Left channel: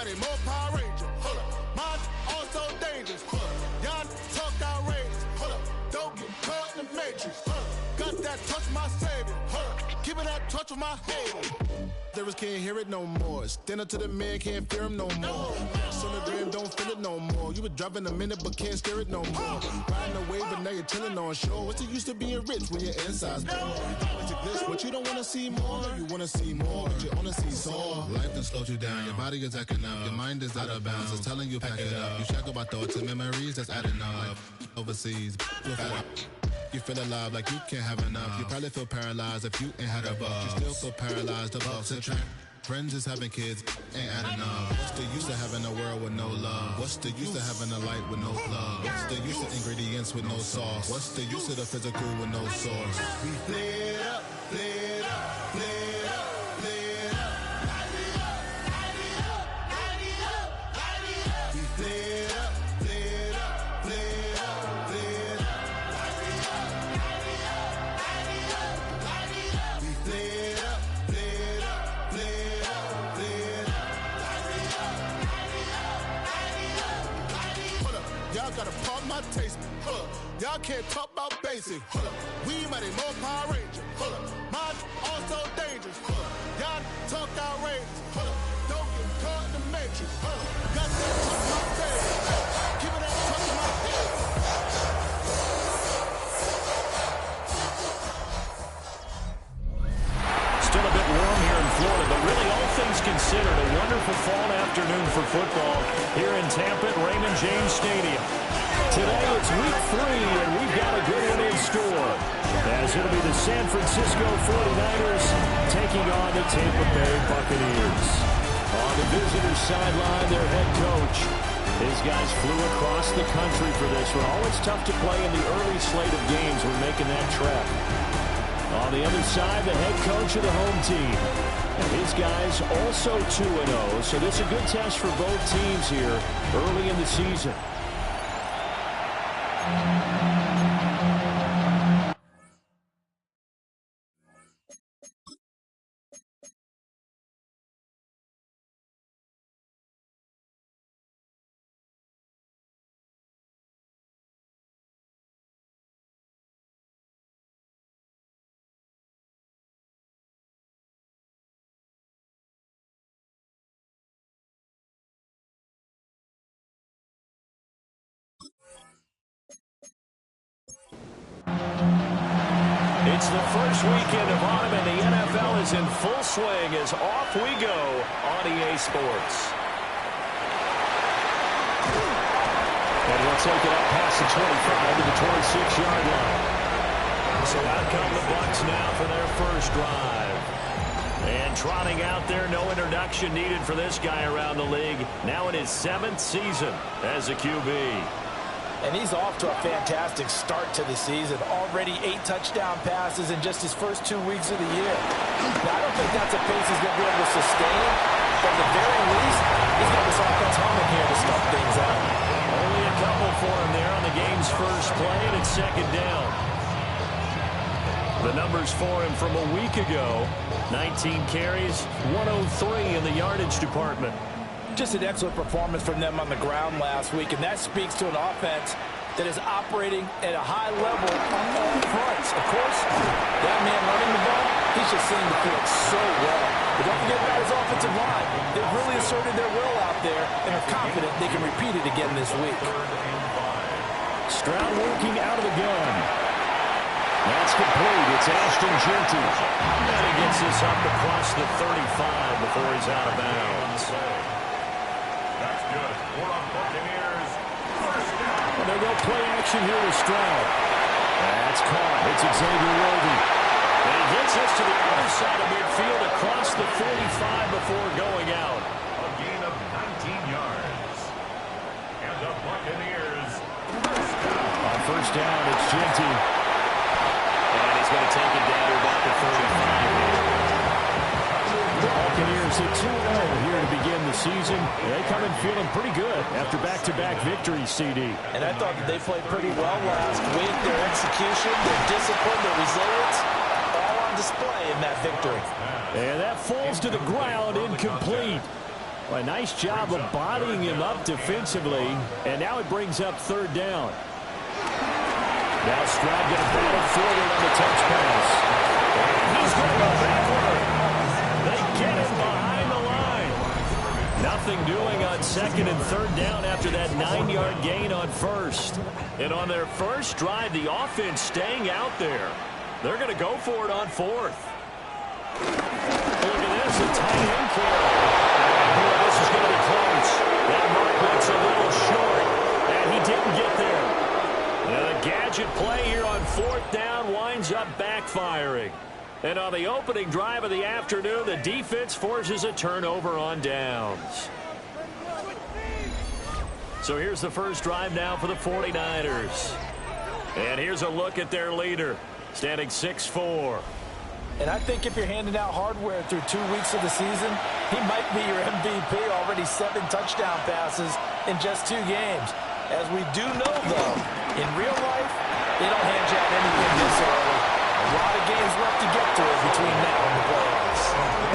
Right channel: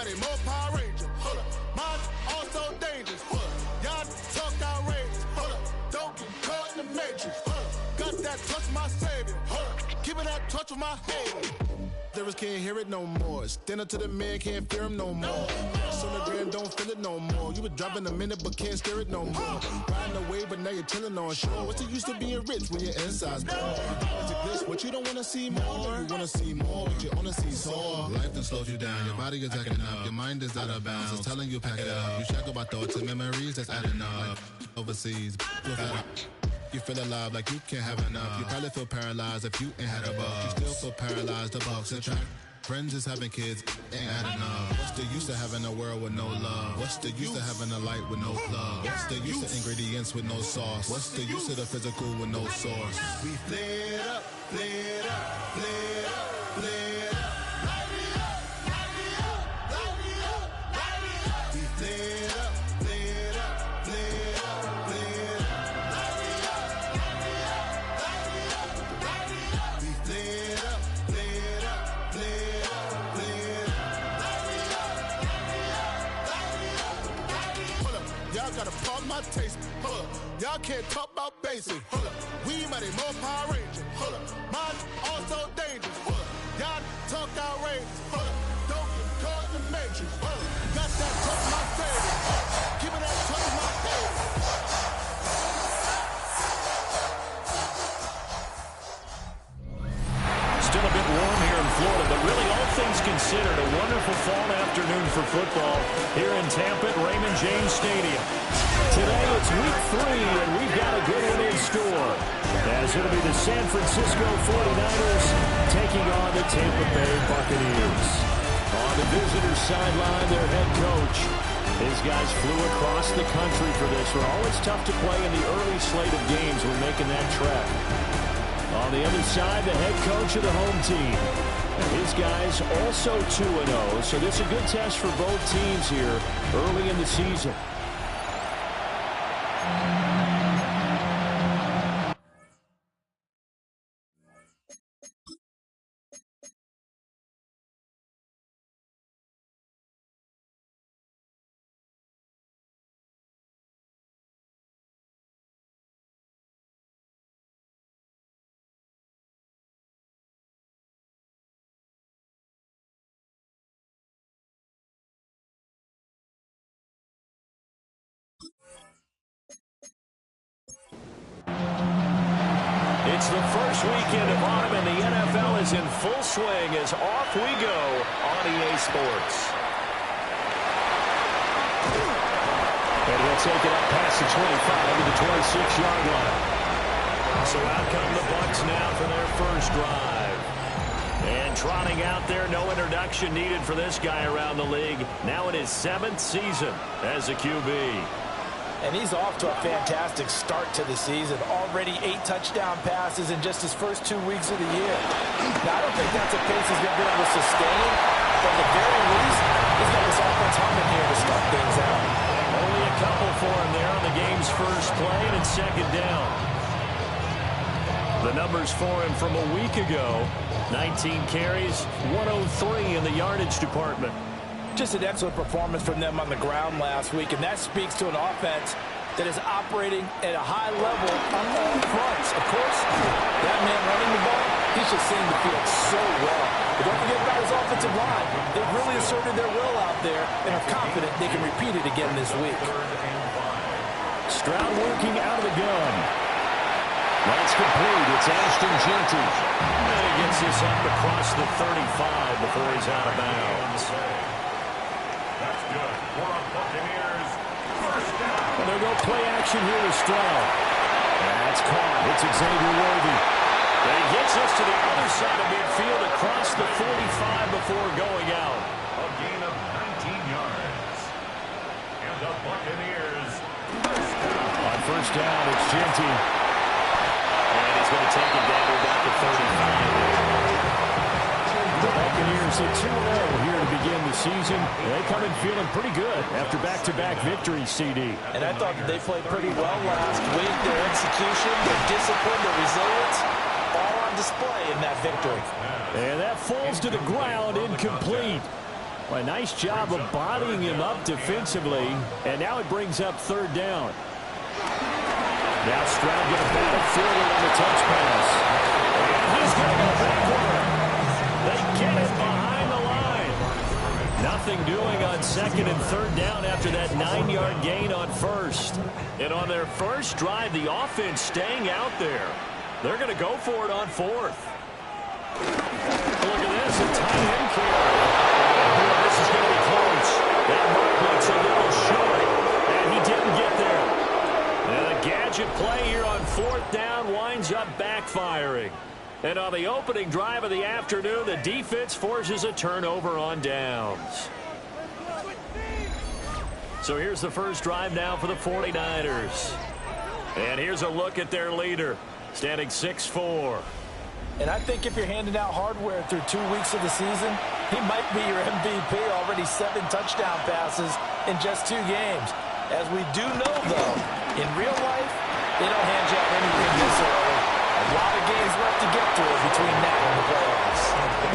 mighty more Power Ranger. Hold up. Mine also dangerous. Hold up. Y'all talk outrageous. Hold up. Don't get caught in the matrix. Hold up. Got that touch my savior. Hold up. Keeping that touch with my haters. Lyrics can't hear it no more. Stand up to the man, can't fear him no more. On the gram, don't feel it no more. You were driving a minute, but can't steer it no more. Riding away, but now you're chilling on shore. What's the use of being rich when your inside's poor? This, what you don't want to see more. You want to see more, but you only see sore. Life done slowed you down. Your body is acting up. Your mind is out of bounds. It's telling you pack it up. You shackle by thoughts and memories that's adding up. Like overseas, you feel alive like you can't have enough. You probably feel paralyzed if you ain't had a buck. You still feel paralyzed, the bucks and track. Friends is having kids, ain't adding up. What's the use of having a world with no love? What's the use of having a light with no plug? What's the use of ingredients with no sauce? What's the use of the physical with no source? We flared up, flared up, flared up, flared up. We flared up, flared up, flared up, flared up. We flared up, flared up, flared up, flared up. Hold up, y'all gotta pump my taste. Hold up, y'all can't talk about basic. Hold up, we mighty more Power Ranger. Hold up, mine also dangerous. Hold up, y'all talk outrageous. Hold up, don't get caught in the matrix. Hold up, got that touch my favorite. Keeping that touch in my head. Still a bit warm here in Florida, but really all things considered, a wonderful fall afternoon for football here in Tampa at Raymond James Stadium. Today it's week 3, and we've got a good one in store, as it'll be the San Francisco 49ers taking on the Tampa Bay Buccaneers. On the visitor's sideline, their head coach. His guys flew across the country for this one. Always tough to play in the early slate of games when making that trek. On the other side, the head coach of the home team. And his guys also 2-0, so this is a good test for both teams here early in the season. It's the first weekend of autumn, and the NFL is in full swing as off we go on EA Sports. And he'll take it up past the 25 to the 26-yard line. So out come the Bucs now for their first drive. And trotting out there, no introduction needed for this guy around the league. Now in his 7th season as a QB. And he's off to a fantastic start to the season. Already 8 touchdown passes in just his first 2 weeks of the year. Now, I don't think that's a pace he's going to be able to sustain. But at the very least, he's got this offense humming here to start things out. Only a couple for him there on the game's first play, and it's second down. The numbers for him from a week ago: 19 carries, 103 in the yardage department. Just an excellent performance from them on the ground last week, and that speaks to an offense that is operating at a high level on all fronts. Of course, that man running the ball, he's just seeing the field so well. But don't forget about his offensive line. They've really asserted their will out there and are confident they can repeat it again this week. Stroud working out of the gun. That's complete. It's Ashton Jeanty. And he gets this up across the 35 before he's out of bounds. That's good. We're on Buccaneers. First down. Well, they'll go play action here with Stroud. That's caught. It's Xavier Worthy. And he gets us to the other side of midfield across the 45 before going out. A gain of 19 yards. And the Buccaneers. First down. On first down, it's Jeanty. And he's going to take it down to about the 35. The Buccaneers hit 2-0 here to begin the season. They come in feeling pretty good after back-to-back victories, CD. And I thought that they played pretty well last week. Their execution, their discipline, their resilience, all on display in that victory. And that falls to the ground incomplete. Well, a nice job of bodying him up defensively, and now it brings up third down. Now Stroud going to bat it forward on the touch pass. And he's going to go backward. They get him behind the line. Nothing doing on second and third down after that 9-yard gain on first. And on their first drive, the offense staying out there. They're going to go for it on fourth. Look at this, a tight end carry. Boy, this is going to be close. That mark looks a little short, and he didn't get there. And the gadget play here on fourth down winds up backfiring. And on the opening drive of the afternoon, the defense forces a turnover on downs. So here's the first drive now for the 49ers. And here's a look at their leader, standing 6'4". And I think if you're handing out hardware through 2 weeks of the season, he might be your MVP. Already 7 touchdown passes in just 2 games. As we do know, though, in real life, they don't hand you out anything this early. A lot of games left to get through between now and the playoffs.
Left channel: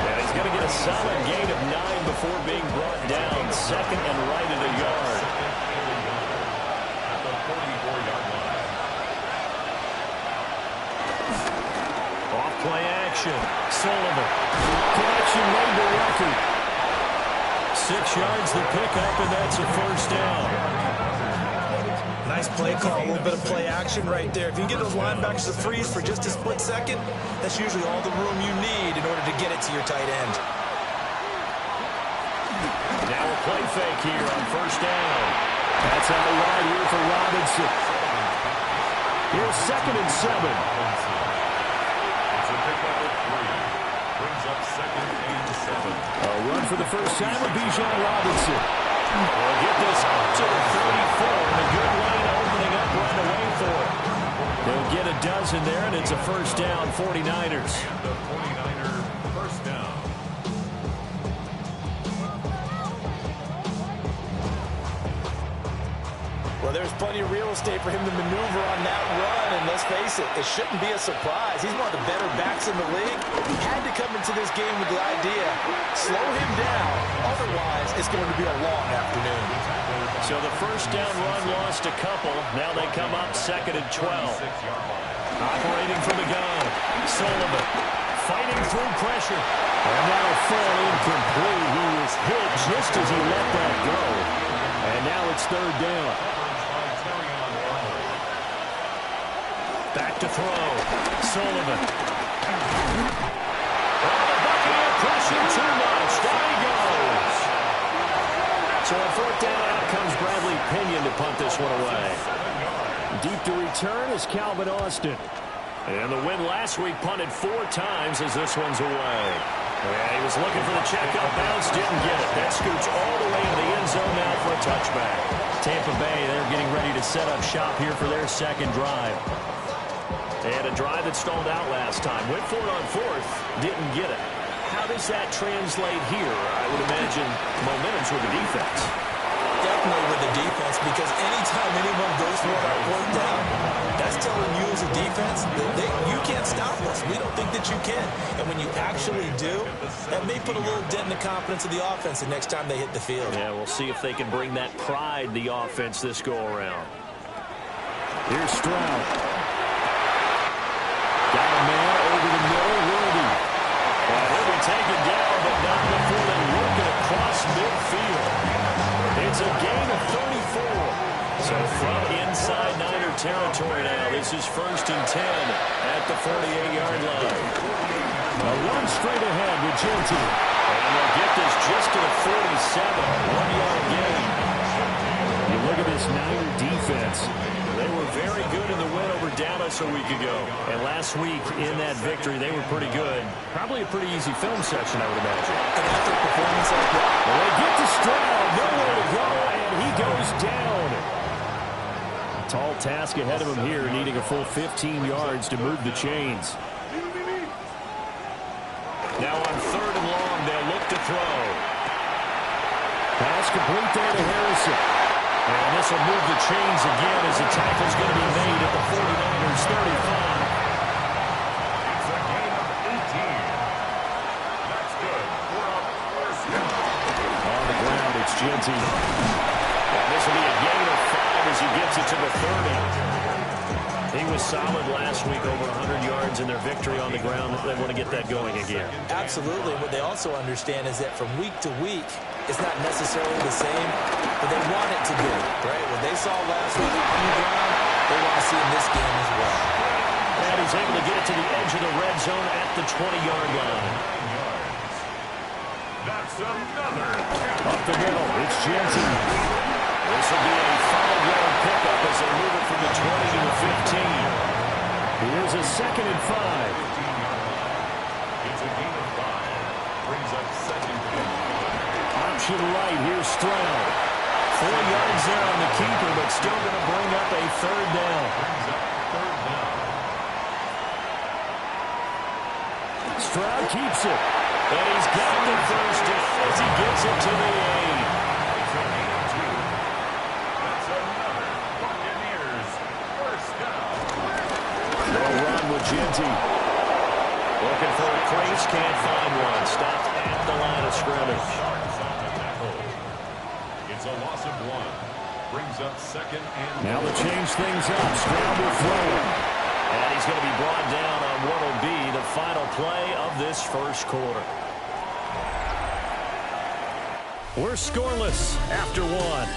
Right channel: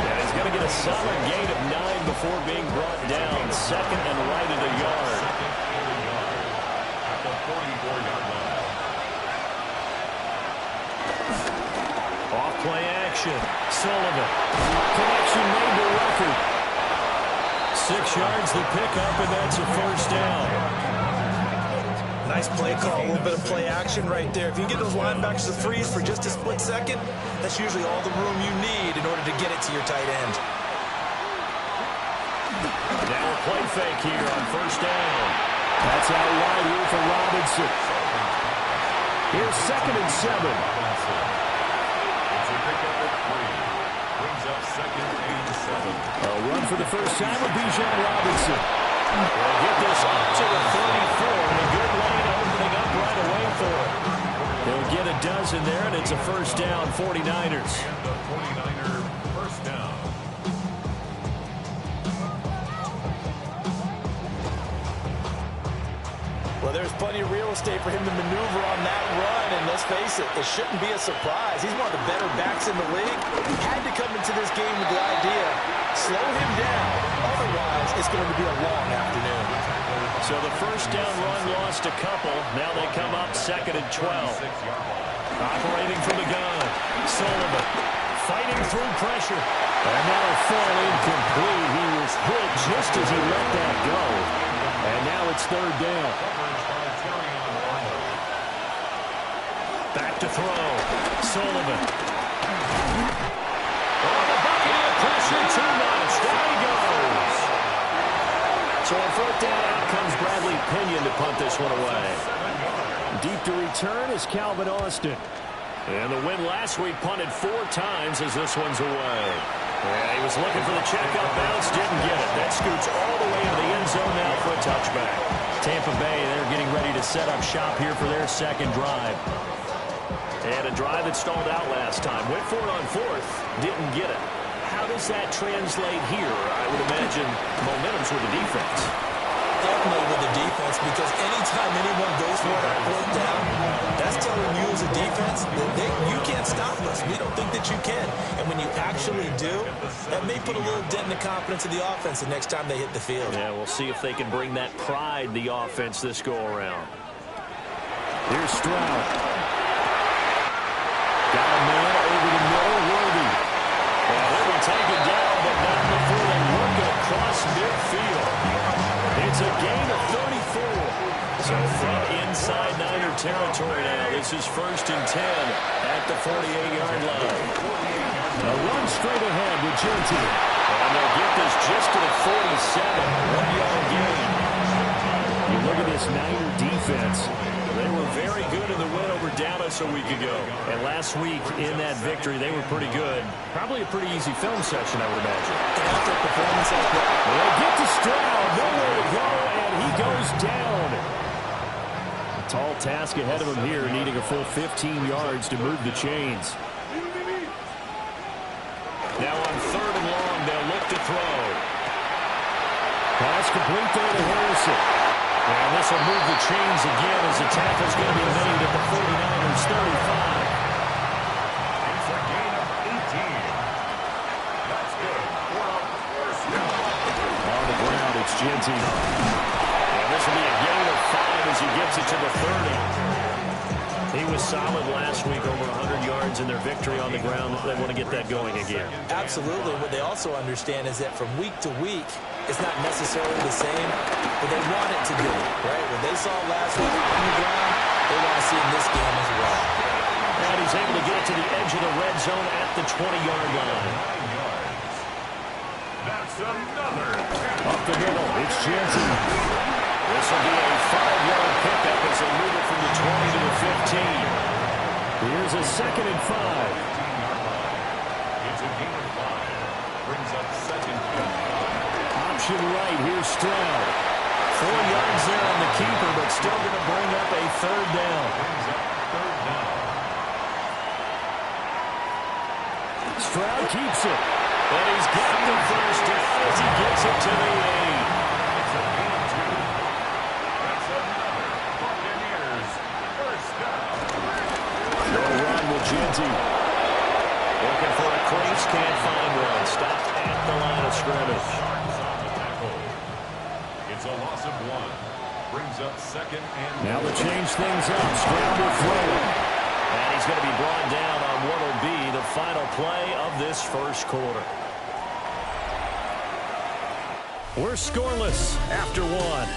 Yeah, he's going to get a solid gain of 9 before being brought down. Second and right at a yard. At the 44-yard line. Off play action. Sullivan. Connection made to record. 6 yards the pickup, and that's a first down. Nice play call, a little bit of play action right there. If you can get those linebackers to freeze for just a split second, that's usually all the room you need in order to get it to your tight end. Now a play fake here on first down. That's out wide here for Robinson. Here's second and 7. It's a pickup of 3. Brings up second and 7. A run for the first time with Bijan Robinson. We'll get this up to the 34, and a good lane opening up right away for it. They'll get a dozen there, and it's a first down, 49ers. And the 49er first down. Well, there's plenty of real estate for him to maneuver on that run, and let's face it, it shouldn't be a surprise. He's one of the better backs in the league. He had to come into this game with the idea, slow him down, otherwise it's going to be a long afternoon. So the first down run lost a couple. Now they come up second and 12. Operating from the gun, Sullivan fighting through pressure. And that'll fall incomplete. He was hit just as he let that go. And now it's third down. Back to throw. Sullivan. Oh, the Buccaneer pressure too much. Down he goes. So on fourth down, out comes Bradley Pinion to punt this one away. Deep to return is Calvin Austin. And the win last week punted 4 times as this one's away. Yeah, he was looking for the checkup bounce, didn't get it. That scoots all the way into the end zone now for a touchback. Tampa Bay, they're getting ready to set up shop here for their second drive. And a drive that stalled out last time. Went for it on fourth, didn't get it. How does that translate here? I would imagine momentum's with the defense. Definitely with the defense, because anytime anyone goes for it on fourth down, that's telling you as a defense that you can't stop us. We don't think that you can. And when you actually do, that may put a little dent in the confidence of the offense the next time they hit the field. Yeah, we'll see if they can bring that pride, the offense, this go-around. Here's Stroud. Got a man over the middle, Worthy. Well, he'll be taken down, but not before they work it across midfield. It's a gain of 34. So from inside Niner territory now, this is first and 10 at the 48-yard line. A run straight ahead with Genty. And they'll get this just to the 47, 1-yard gain. You look at this Niner defense. They were very good in the win over Dallas a week ago. And last week in that victory, they were pretty good. Probably a pretty easy film session, I would imagine. And after a performance like that, well, they get to Stroud, nowhere to go, and he goes down. A tall task ahead of him here, needing a full 15 yards to move the chains. Now on third and long, they'll look to throw. Pass complete there to Harrison. And this will move the chains again as the tackle's going to be made at the 49ers 35. It's a gain of 18. That's good for a first down. Oh, the Genty. And this will be a gain of 5 as he gets it to the 30. He was solid last week, over 100 yards in their victory on the ground. They want to get that going again. Absolutely. What they also understand is that from week to week, it's not necessarily the same, but they want it to be, right? What they saw last week on the ground, they want to see in this game as well. And he's able to get it to the edge of the red zone at the 20-yard line. 9 yards. That's another. Up the middle, it's Genty. This will be a 5-yard pickup as they move it from the 20 to the 15. Here's a 2nd and 5. 15-yard line. It's a gain of 5. Brings up 2nd and 5. Option right, here's Stroud. 4 yards there on the keeper, but still going to bring up a 3rd down. Brings up 3rd down. Stroud keeps it. And he's got the 1st down as he gets it to the 8. It's a gain of 2. That's another Buccaneers 1st down. No run with Genty. Looking for a crease, can't find one. Stopped at the line of scrimmage. Sharks on the tackle. It's a loss of 1. Brings up 2nd and Now to change things up, Stroud will throw it. And he's going to be brought down on what will be the final play of this first quarter. We're scoreless after 1.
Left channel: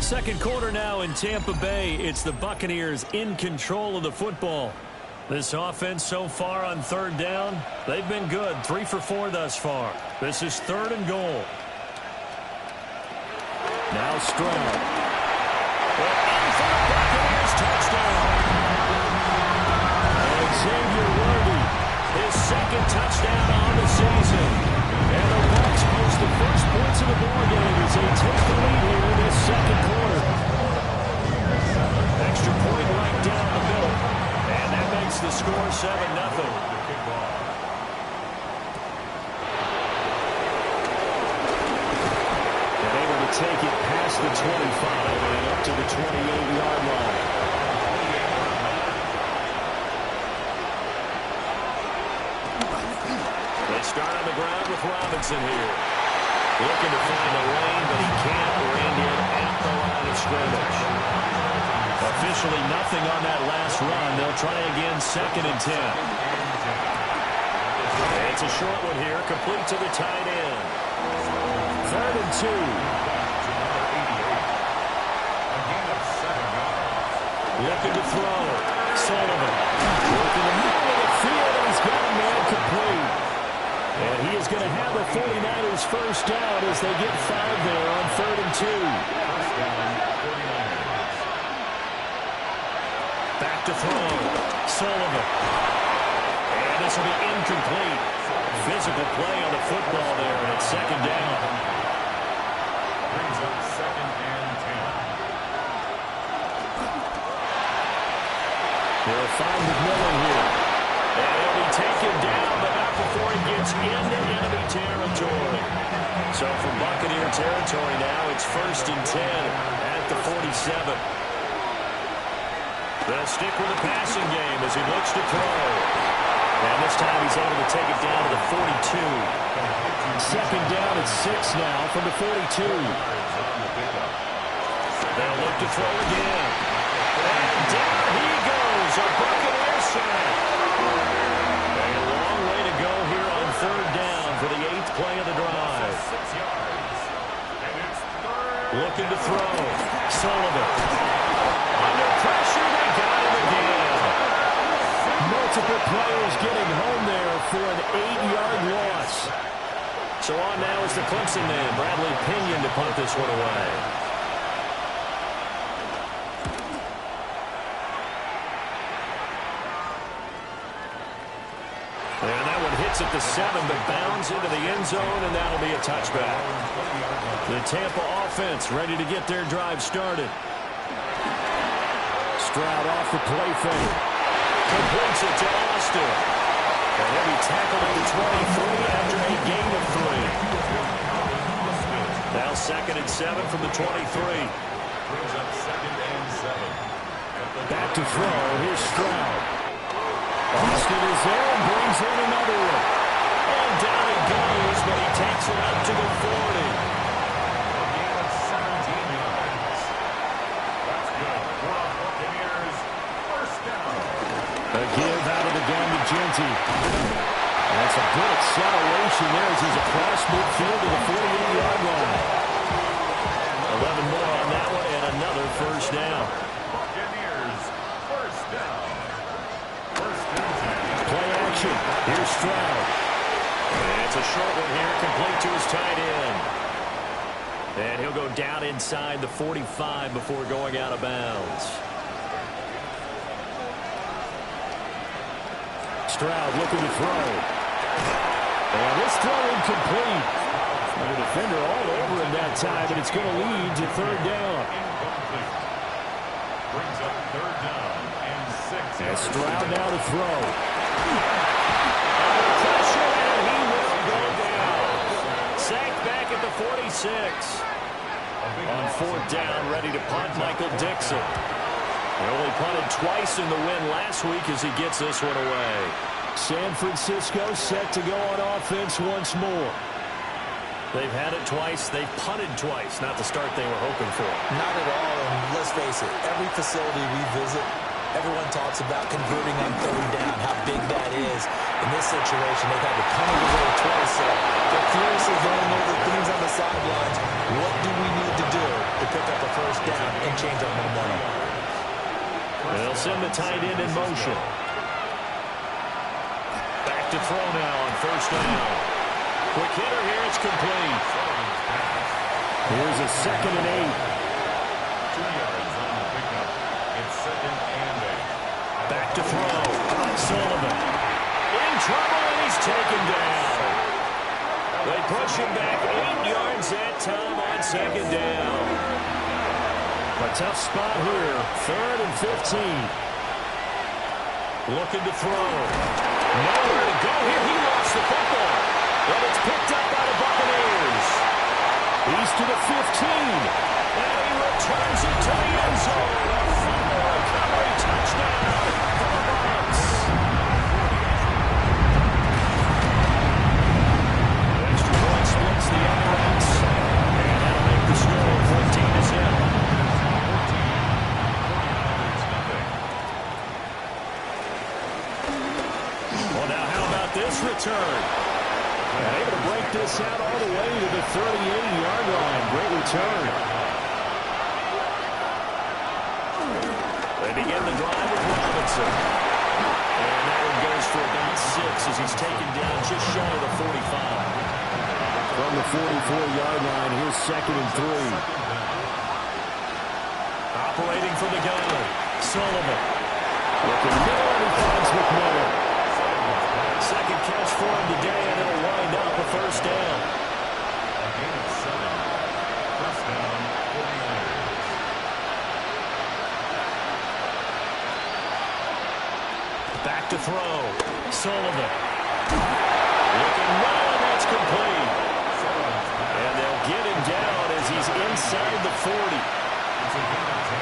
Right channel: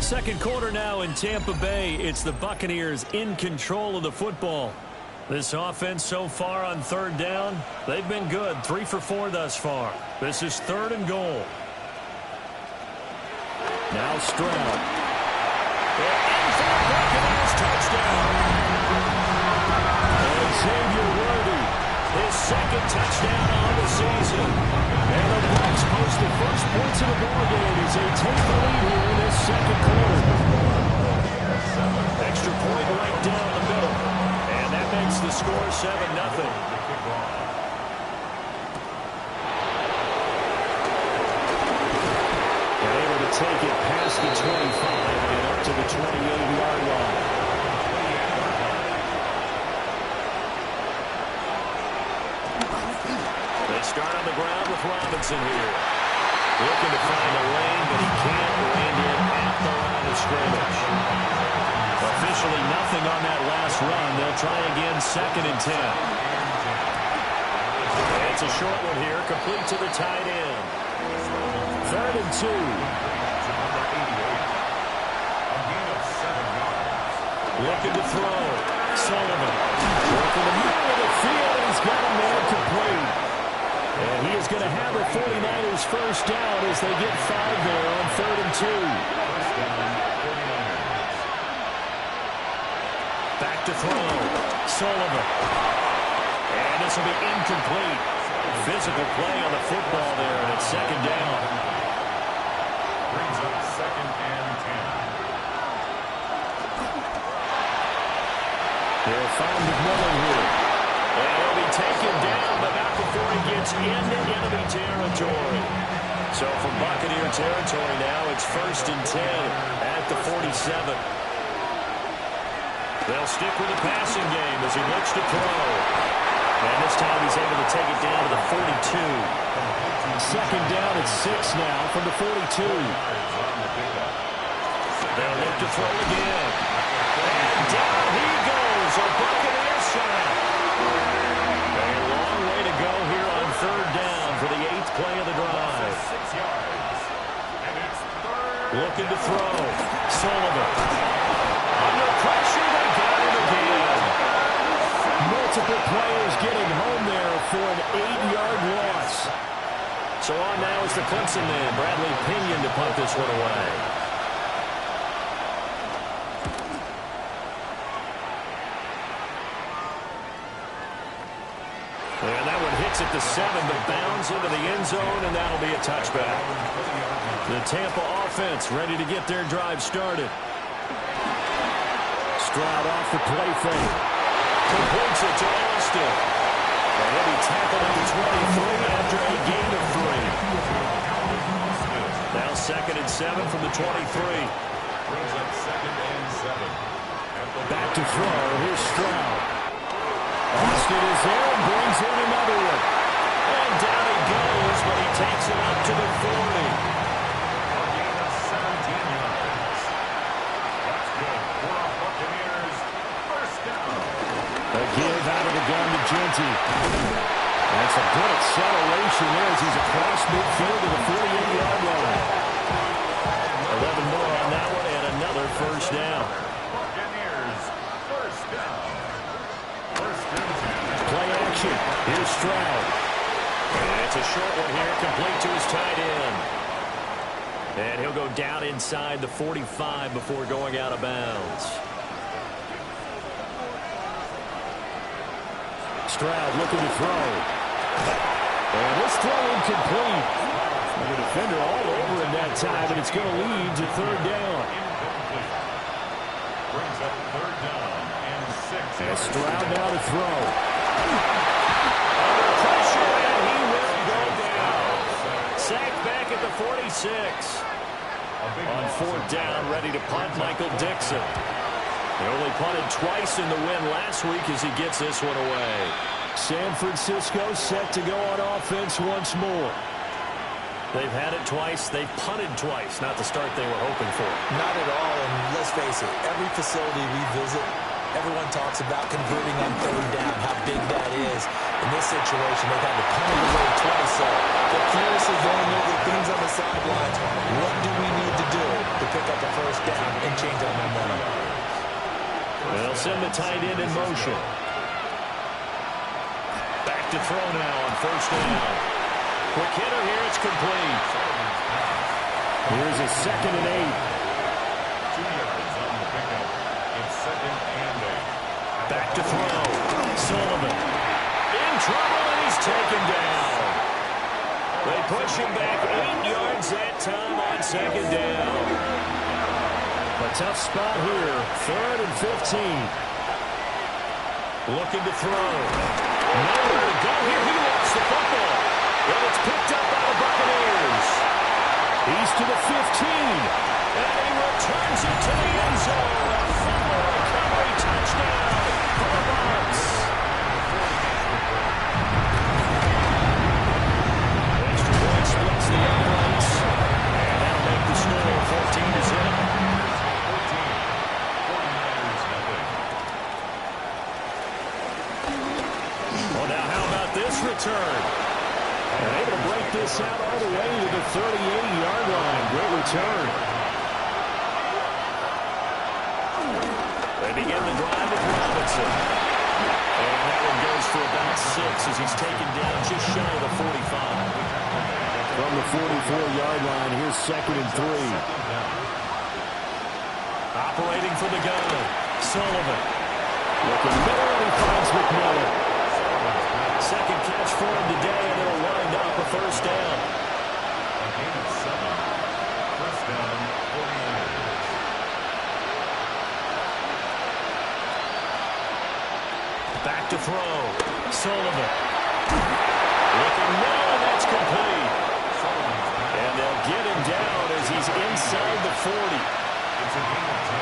Second quarter now in Tampa Bay. It's the Buccaneers in control of the football. This offense so far on 3rd down, they've been good. 3 for 4 thus far. This is 3rd and goal. Now Stroud. And in for the Buccaneers touchdown. And Xavier Worthy, his 2nd touchdown on the season. And the Bucs post the first points of the ball game as they take the lead here in this 2nd quarter. Extra point right down the middle. And that makes the score 7-0. And able to take it past the 25 and up to the 28-yard line. They start on the ground with Robinson here. Looking to find a lane, but he can't. Reined in at the line of scrimmage. Officially nothing on that last run. They'll try again 2nd and 10. It's a short one here, complete to the tight end. 3rd and 2. Looking to throw. Sullivan. Working the middle of the field, and he's got a man complete. And he is going to have the 49ers first down as they get 5 there on 3rd and 2. Back to throw. Sullivan. And this will be incomplete. Physical play on the football there, and it's 2nd down. Brings up 2nd and 10. They'll find McMillan here. And he'll be taken down, but not before he gets into enemy territory. So from Buccaneer territory now, it's 1st and 10 at the 47. They'll stick with the passing game as he looks to throw. And this time he's able to take it down to the 42. 2nd down at 6 now from the 42. They'll look to throw again. And down he goes. A Buccaneer sack. A long way to go here on 3rd down for the 8th play of the drive. 6 yards. And it's 3rd. Looking to throw. Sullivan. Under pressure, they got him again. Multiple players getting home there for an 8-yard loss. So on now is the Clemson man, Bradley Pinion, to punt this one away. And that one hits at the 7, but bounds into the end zone, and that'll be a touchback. The Tampa offense ready to get their drive started. Stroud off the play fake. Completes it to Austin. And he'll be tackled at the 23 after a gain of 3. Now 2nd and 7 from the 23. Brings up 2nd and 7. Back to throw. Here's Stroud. Austin is there and brings in another one. And down he goes, but he takes it up to the 40. A gain of 17 yards. That's good for the Buccaneers. First down. A give out of the gun to Genty. That's a good acceleration there as he's across midfield to the 48-yard line. 11 more on that one and another first down. Buccaneers, first down. First and 10. Play action. Here's Stroud. And it's a short one here, complete to his tight end. And he'll go down inside the 45 before going out of bounds. Stroud looking to throw. And this throw incomplete. And the defender all over him that time, and it's going to lead to third down. Incomplete. Brings up third down and 6. And Stroud now to throw. Under pressure, and he will go down. Sacked back at the 46. On fourth down, ready to punt, Michael Dixon. He only punted twice in the win last week as he gets this one away. San Francisco set to go on offense once more. They've had it twice. They've punted twice. Not the start they were hoping for. Not at all, and let's face it, every facility we visit, everyone talks about converting on third down, how big that is. In this situation, they've had to punt it away twice, so they're furiously going over things on the sidelines. What do we need to do to pick up a first down and change our momentum? They'll send the tight end in motion. Back to throw now on first down. Quick hitter here, it's complete. Here's a 2nd and 8. 2 yards on the pickup. It's 2nd and 8. Back to throw. Sullivan in trouble, and he's taken down. They push him back 8 yards that time on 2nd down. A tough spot here. 3rd and 15. Looking to throw. Nowhere to go here. He lost the football. And it's picked up by the Buccaneers. He's to the 15. And he returns it to the end zone. A fumble recovery touchdown for the Bucs. Extra point splits the uprights. And that'll make the score 14-0. Well, now how about this return? And able to break this out all the way to the 38-yard line. Great return. They begin the drive with Robinson. And that one goes for about 6 as he's taken down just shy of the 45. From the 44-yard line, here's 2nd and 3. Operating from the gun, Sullivan. Looking middle, and he finds McMillan. Second catch for him today, and it'll wind up a first down. A gain of 7. First down, 49ers. Back to throw. Sullivan. Looking middle, and that's complete. And they'll get him down as he's inside the 40. It's a gain of 10.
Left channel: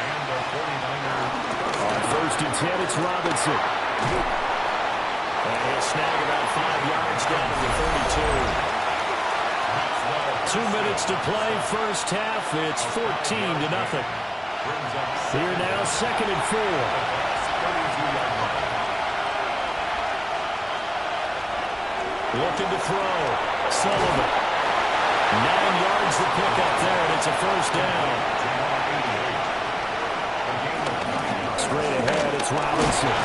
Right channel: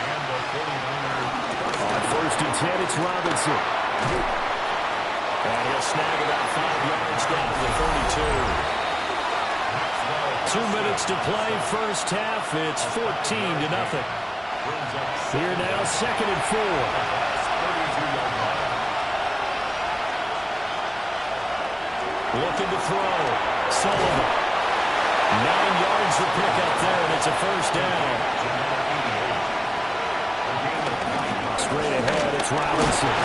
And the 49ers. On first and 10, it's Robinson. And he'll snag about 5 yards down to the 32. 2 minutes to play, first half. It's 14-0. Here now, 2nd and 4. 32-yard line. Looking to throw. Sullivan. 9 yards to pick up there, and it's a first down. Straight ahead, it's Robinson.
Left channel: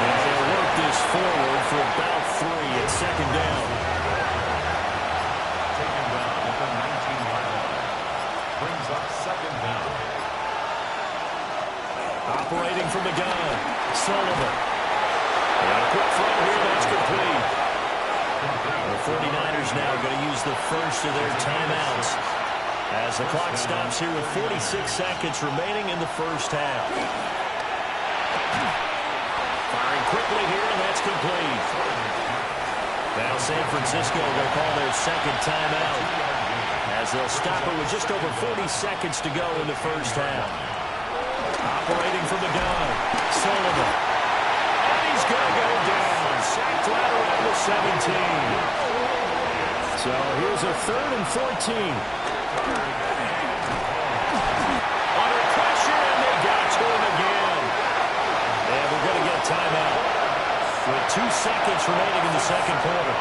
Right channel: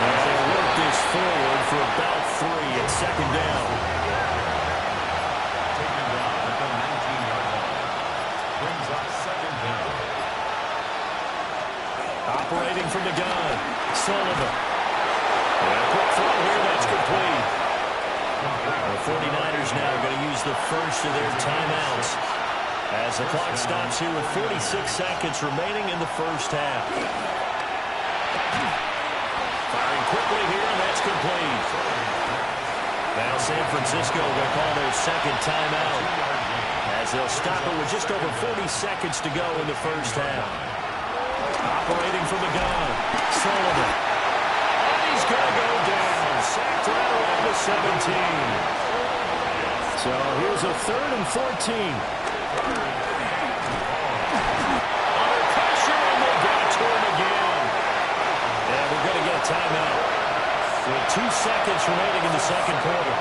And they'll work this forward for about 3 at 2nd down. Taken down at the 19-yard line. Brings up 2nd down. Operating from the gun, Sullivan. And a quick throw here, that's complete. The 49ers now going to use the first of their timeouts as the clock stops here with 46 seconds remaining in the first half. Firing quickly here, and that's complete. Now San Francisco going to call their second timeout as they'll stop it with just over 40 seconds to go in the first half. Operating from the gun, Sullivan. And he's going to go down. Sacked right around the 17. So here's a 3rd and 14. Under pressure, and they got to him again. And we're going to get a timeout with 2 seconds remaining in the second quarter.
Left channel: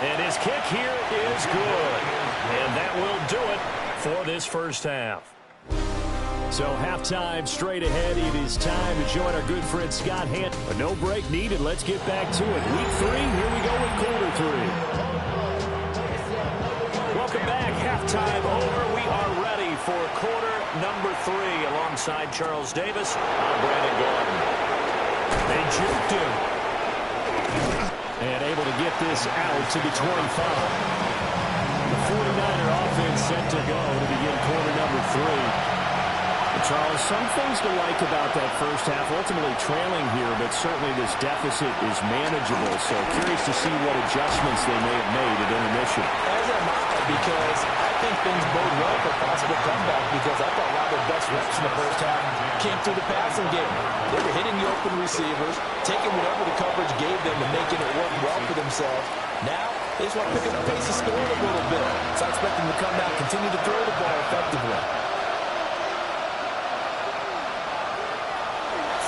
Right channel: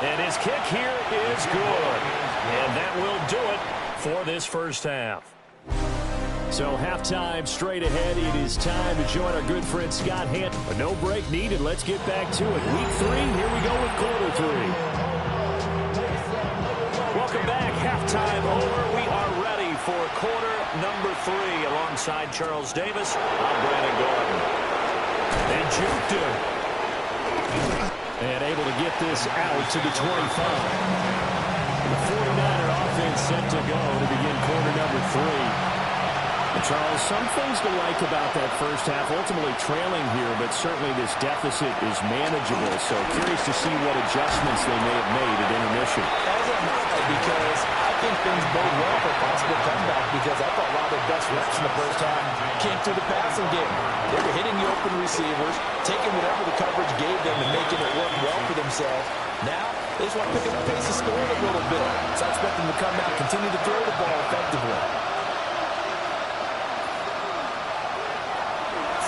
And his kick here is good. And that will do it for this first half. So halftime straight ahead. It is time to join our good friend Scott Hant. A no break needed. Let's get back to it. Week 3, here we go with quarter 3. Welcome back. Halftime over. We are ready for quarter number 3 alongside Charles Davis. I'm Brandon Gordon. They juked him. And able to get this out to the 25. The 49er offense set to go to begin quarter number 3. Charles, some things to like about that first half. Ultimately trailing here, but certainly this deficit is manageable. So curious to see what adjustments they may have made at intermission. As am I, because I think things bode well for a possible comeback, because I thought a lot of their best reps in the first half came through the passing game. They were hitting the open receivers, taking whatever the coverage gave them and making it work well for themselves. Now, they just want to pick up the pace of scoring a little bit. So I expect them to come out, continue to throw the ball effectively.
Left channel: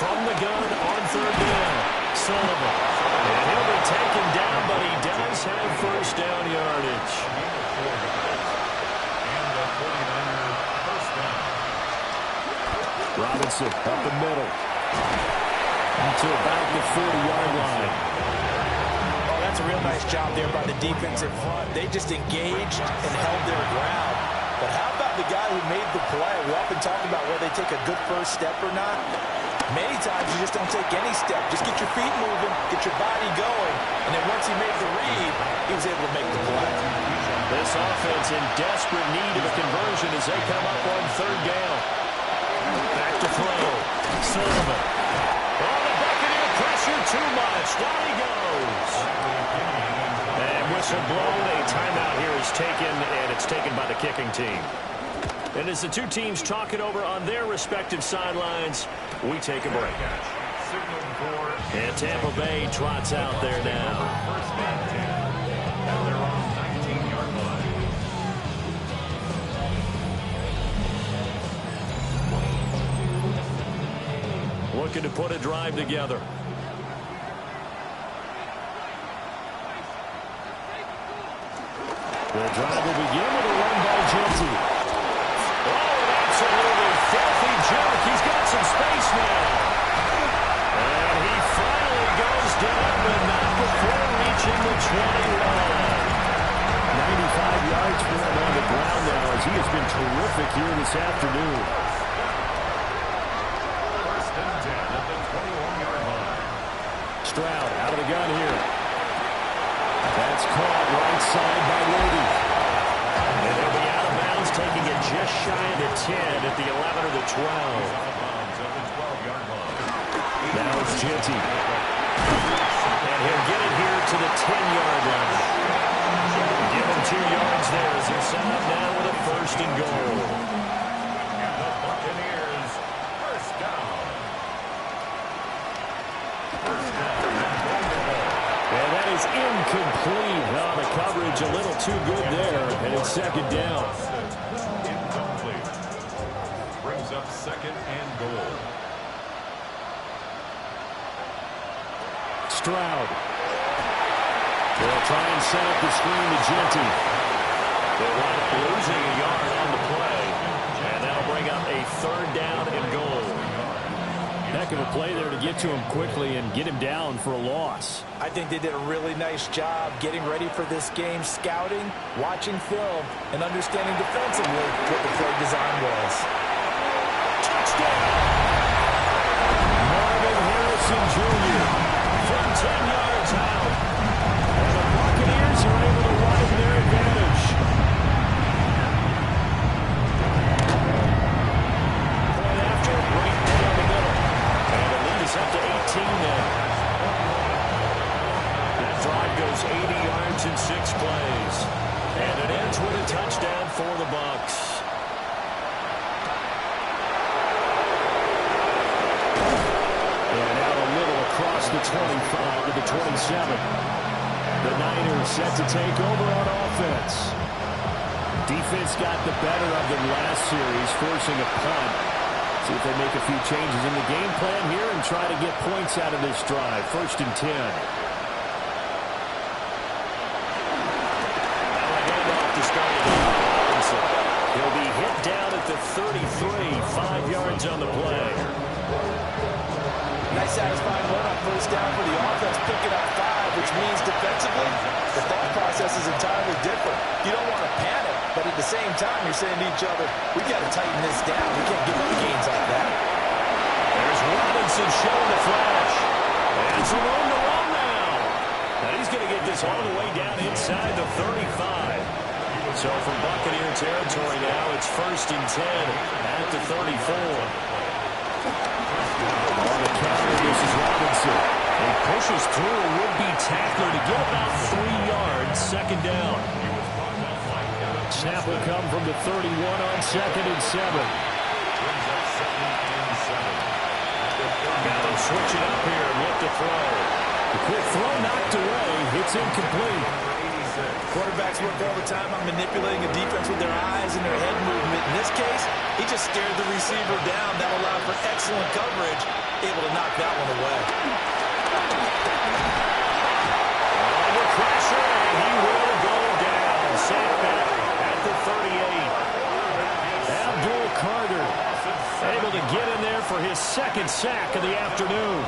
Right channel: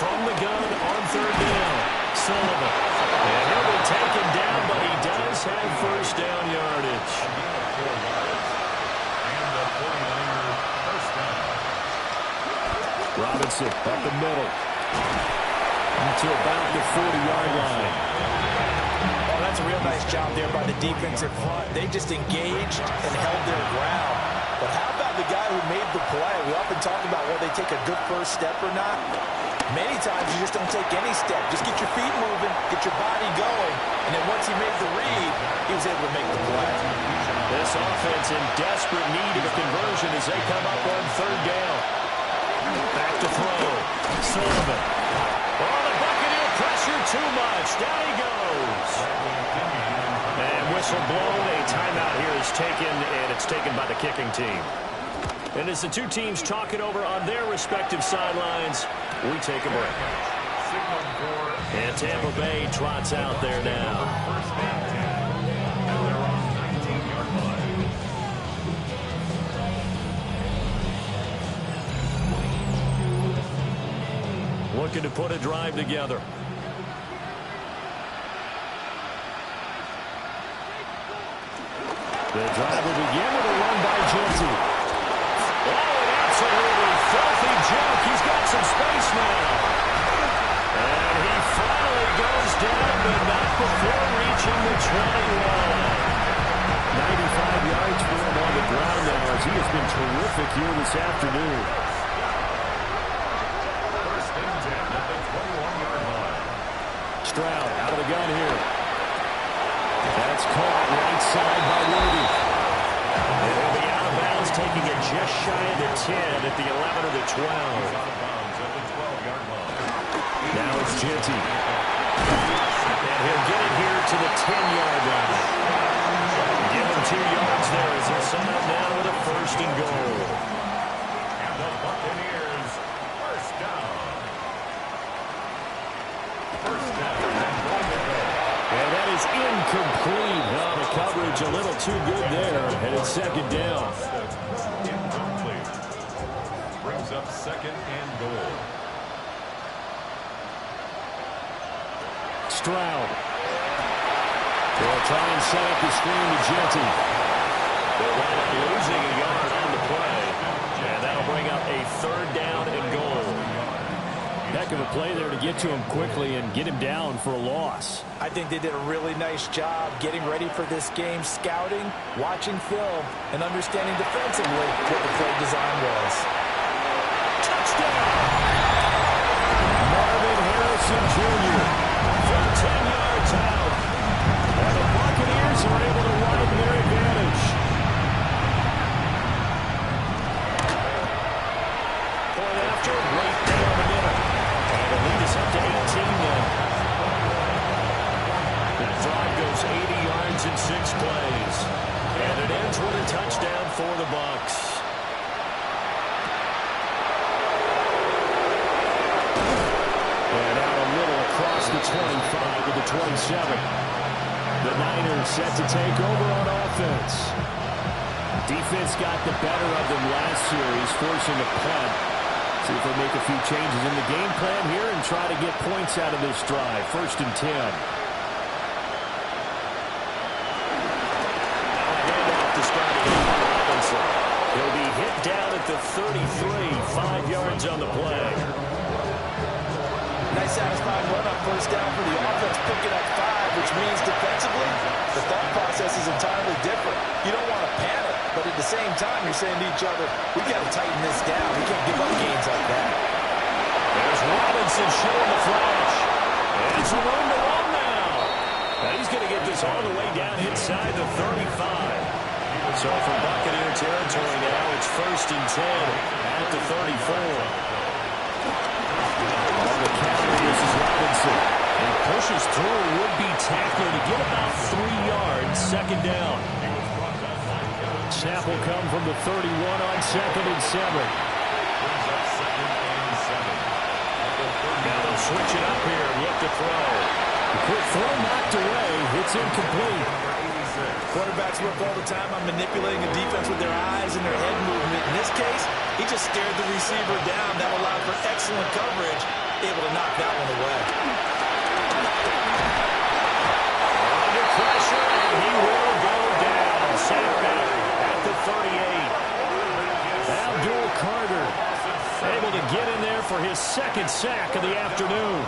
From the gun on 3rd down, Sullivan. And he'll be taken down, but he does have first down yardage. A gain of 4 yards. And the 49er first down. Robinson up the middle. To about the 40-yard line. Oh, that's a real nice job there by the defensive front. They just engaged and held their ground. But how about the guy who made the play? We often talk about whether they take a good first step or not. Many times you just don't take any step. Just get your feet moving, get your body going, and then once he made the read, he was able to make the play. This offense in desperate need of a conversion as they come up on 3rd down. Back to throw. Sullivan. Oh, the Buccaneer pressure too much. Down he goes. And whistle blown. A timeout here is taken, and it's taken by the kicking team. And as the two teams talk it over on their respective sidelines, we take a break. And Tampa Bay trots out there now. First and 10. And they're on 19-yard line. Looking to put a drive together. The drive will begin with a run by Genty. Oh, an absolutely filthy jump. He's got some space now. And he finally goes down, but not before reaching the 21. 95 yards for him on the ground now, as he has been terrific here this afternoon. First and 10 at the 21-yard line. Stroud out of the gun here. That's caught right side by Worthy. And he'll be out of bounds, taking it just shy of the 10 at the 11 or the 12. Out of bounds at the 12-yard line. Now it's Genty. And he'll get it here to the 10-yard line. Give him 2 yards there as they're set up now with a first and goal. And the Buccaneers, first down. First down and going to go. And that is incomplete. Oh, the coverage a little too good there. And it's second down. Incomplete. Brings up second and goal. Stroud. They'll try and set up the screen to Genty. They'll wind up losing a yard on the play. And that'll bring up a third down and goal. Heck of a play there to get to him quickly and get him down for a loss. I think they did a really nice job getting ready for this game, scouting, watching film, and understanding defensively what the play design was. Touchdown! Marvin Harrison Jr. from 10 yards out. And the Buccaneers are able to widen their advantage. Point after, right down the middle. And the lead is up to 18 now. That drive goes 80 yards in 6 plays. And it ends with a touchdown for the Bucs. And out a little across the 25 to the 27. The Niners set to take over on offense. Defense got the better of them last series, forcing a punt. See if they make a few changes in the game plan here and try to get points out of this drive. 1st and 10. Now a handoff to starting Robinson. He'll be hit down at the 33, 5 yards on the play. Nice satisfying run on 1st down for the offense, picking up 5, which means defensively, the thought process is entirely different. You don't want to panic, but at the same time, you're saying to each other, we got to tighten this down. We can't give up gains like that. There's Robinson showing the flash. And some room to run now. Now he's going to get this all the way down inside the 35. So from Buccaneer territory now, it's 1st and 10 at the 34. On the counter, this is Robinson. He pushes through a would-be tackler to get about 3 yards. 2nd down. Snap will come from the 31 on 2nd and 7. Now they'll switch it up here and look to throw. The quick throw knocked away. It's incomplete. Quarterbacks work all the time on manipulating a defense with their eyes and their head movement. In this case, he just stared the receiver down. That allowed for excellent coverage, able to knock that one away. Under pressure, and he will go down. Sacked back at the 38. Abdul Carter able to get in there for his 2nd sack of the afternoon.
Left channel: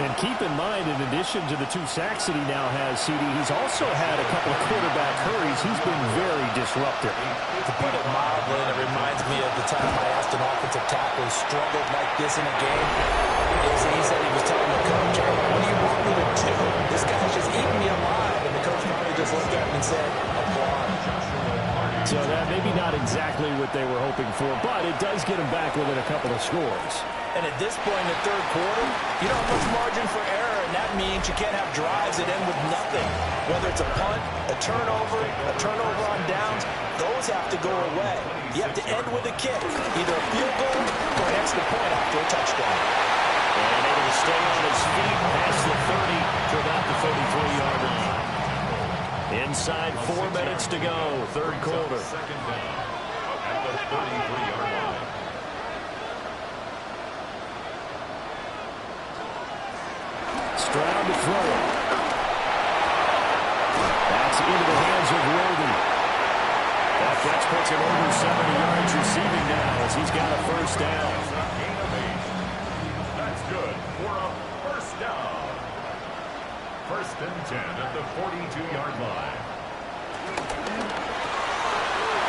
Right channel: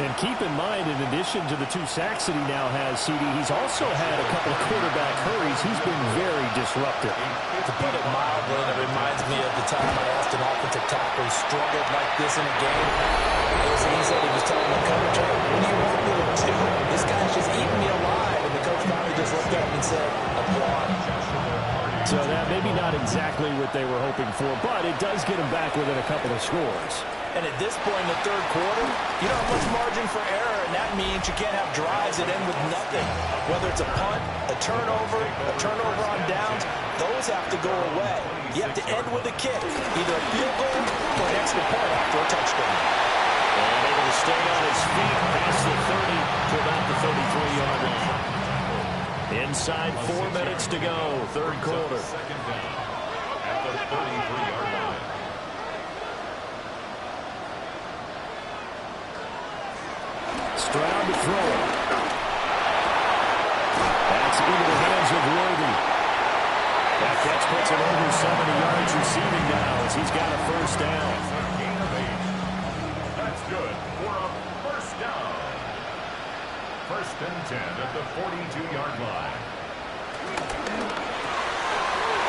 And keep in mind, in addition to the 2 sacks that he now has, CD, he's also had a couple of quarterback hurries. He's been very disruptive. To put it mildly, and it reminds me of the time I asked an offensive tackle who struggled like this in a game. He said he was telling the coach, hey, what do you want me to do? This guy's just eating me alive. And the coach finally just looked at him and said, applaud. So that maybe not exactly what they were hoping for, but it does get him back within a couple of scores. And at this point in the 3rd quarter, you don't have much margin for error, and that means you can't have drives that end with nothing. Whether it's a punt, a turnover on downs, those have to go away. You have to end with a kick, either a field goal or an extra point after a touchdown. And able to stay on his feet past the 30 to about the 33-yard line. Inside 4 minutes to go, 3rd quarter. 2nd down at the 33-yard line. Stroud to throw it. That's into the hands of Worthy. That catch puts him over 70 yards receiving now as he's got a 1st down. It's a gain of 8. That's good for a 1st down. 1st and 10 at the 42-yard line.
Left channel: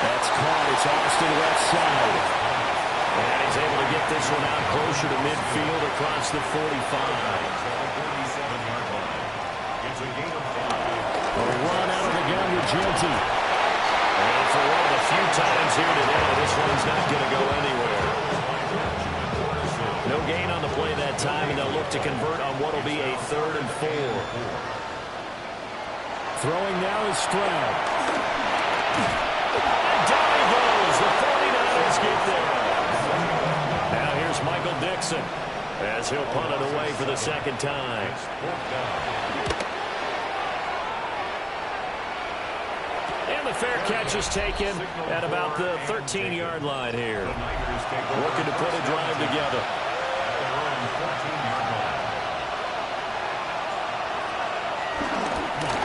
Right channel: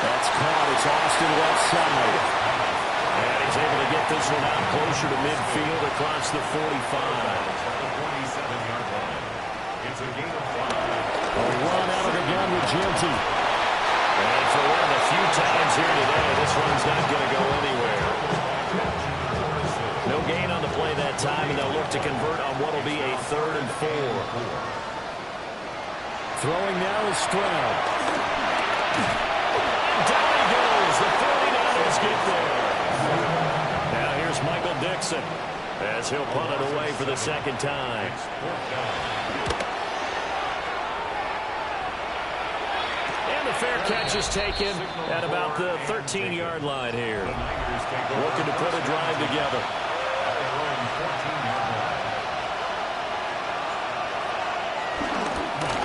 That's caught. It's Austin left side. And he's able to get this one out closer to midfield across the 45. At the 47-yard line. It's a gain of 5. Oh, he run out of the gun with Genty. And for one of the few times here today, this one's not going to go anywhere. No gain on the play that time, and they'll look to convert on what will be a 3rd and 4. Throwing now is Stroud. And down he goes. The 49ers get there. Now here's Michael Dixon as he'll punt it away for the 2nd time. And the fair catch is taken at about the 13-yard line here. Looking to put a drive together. At their own 14-yard line.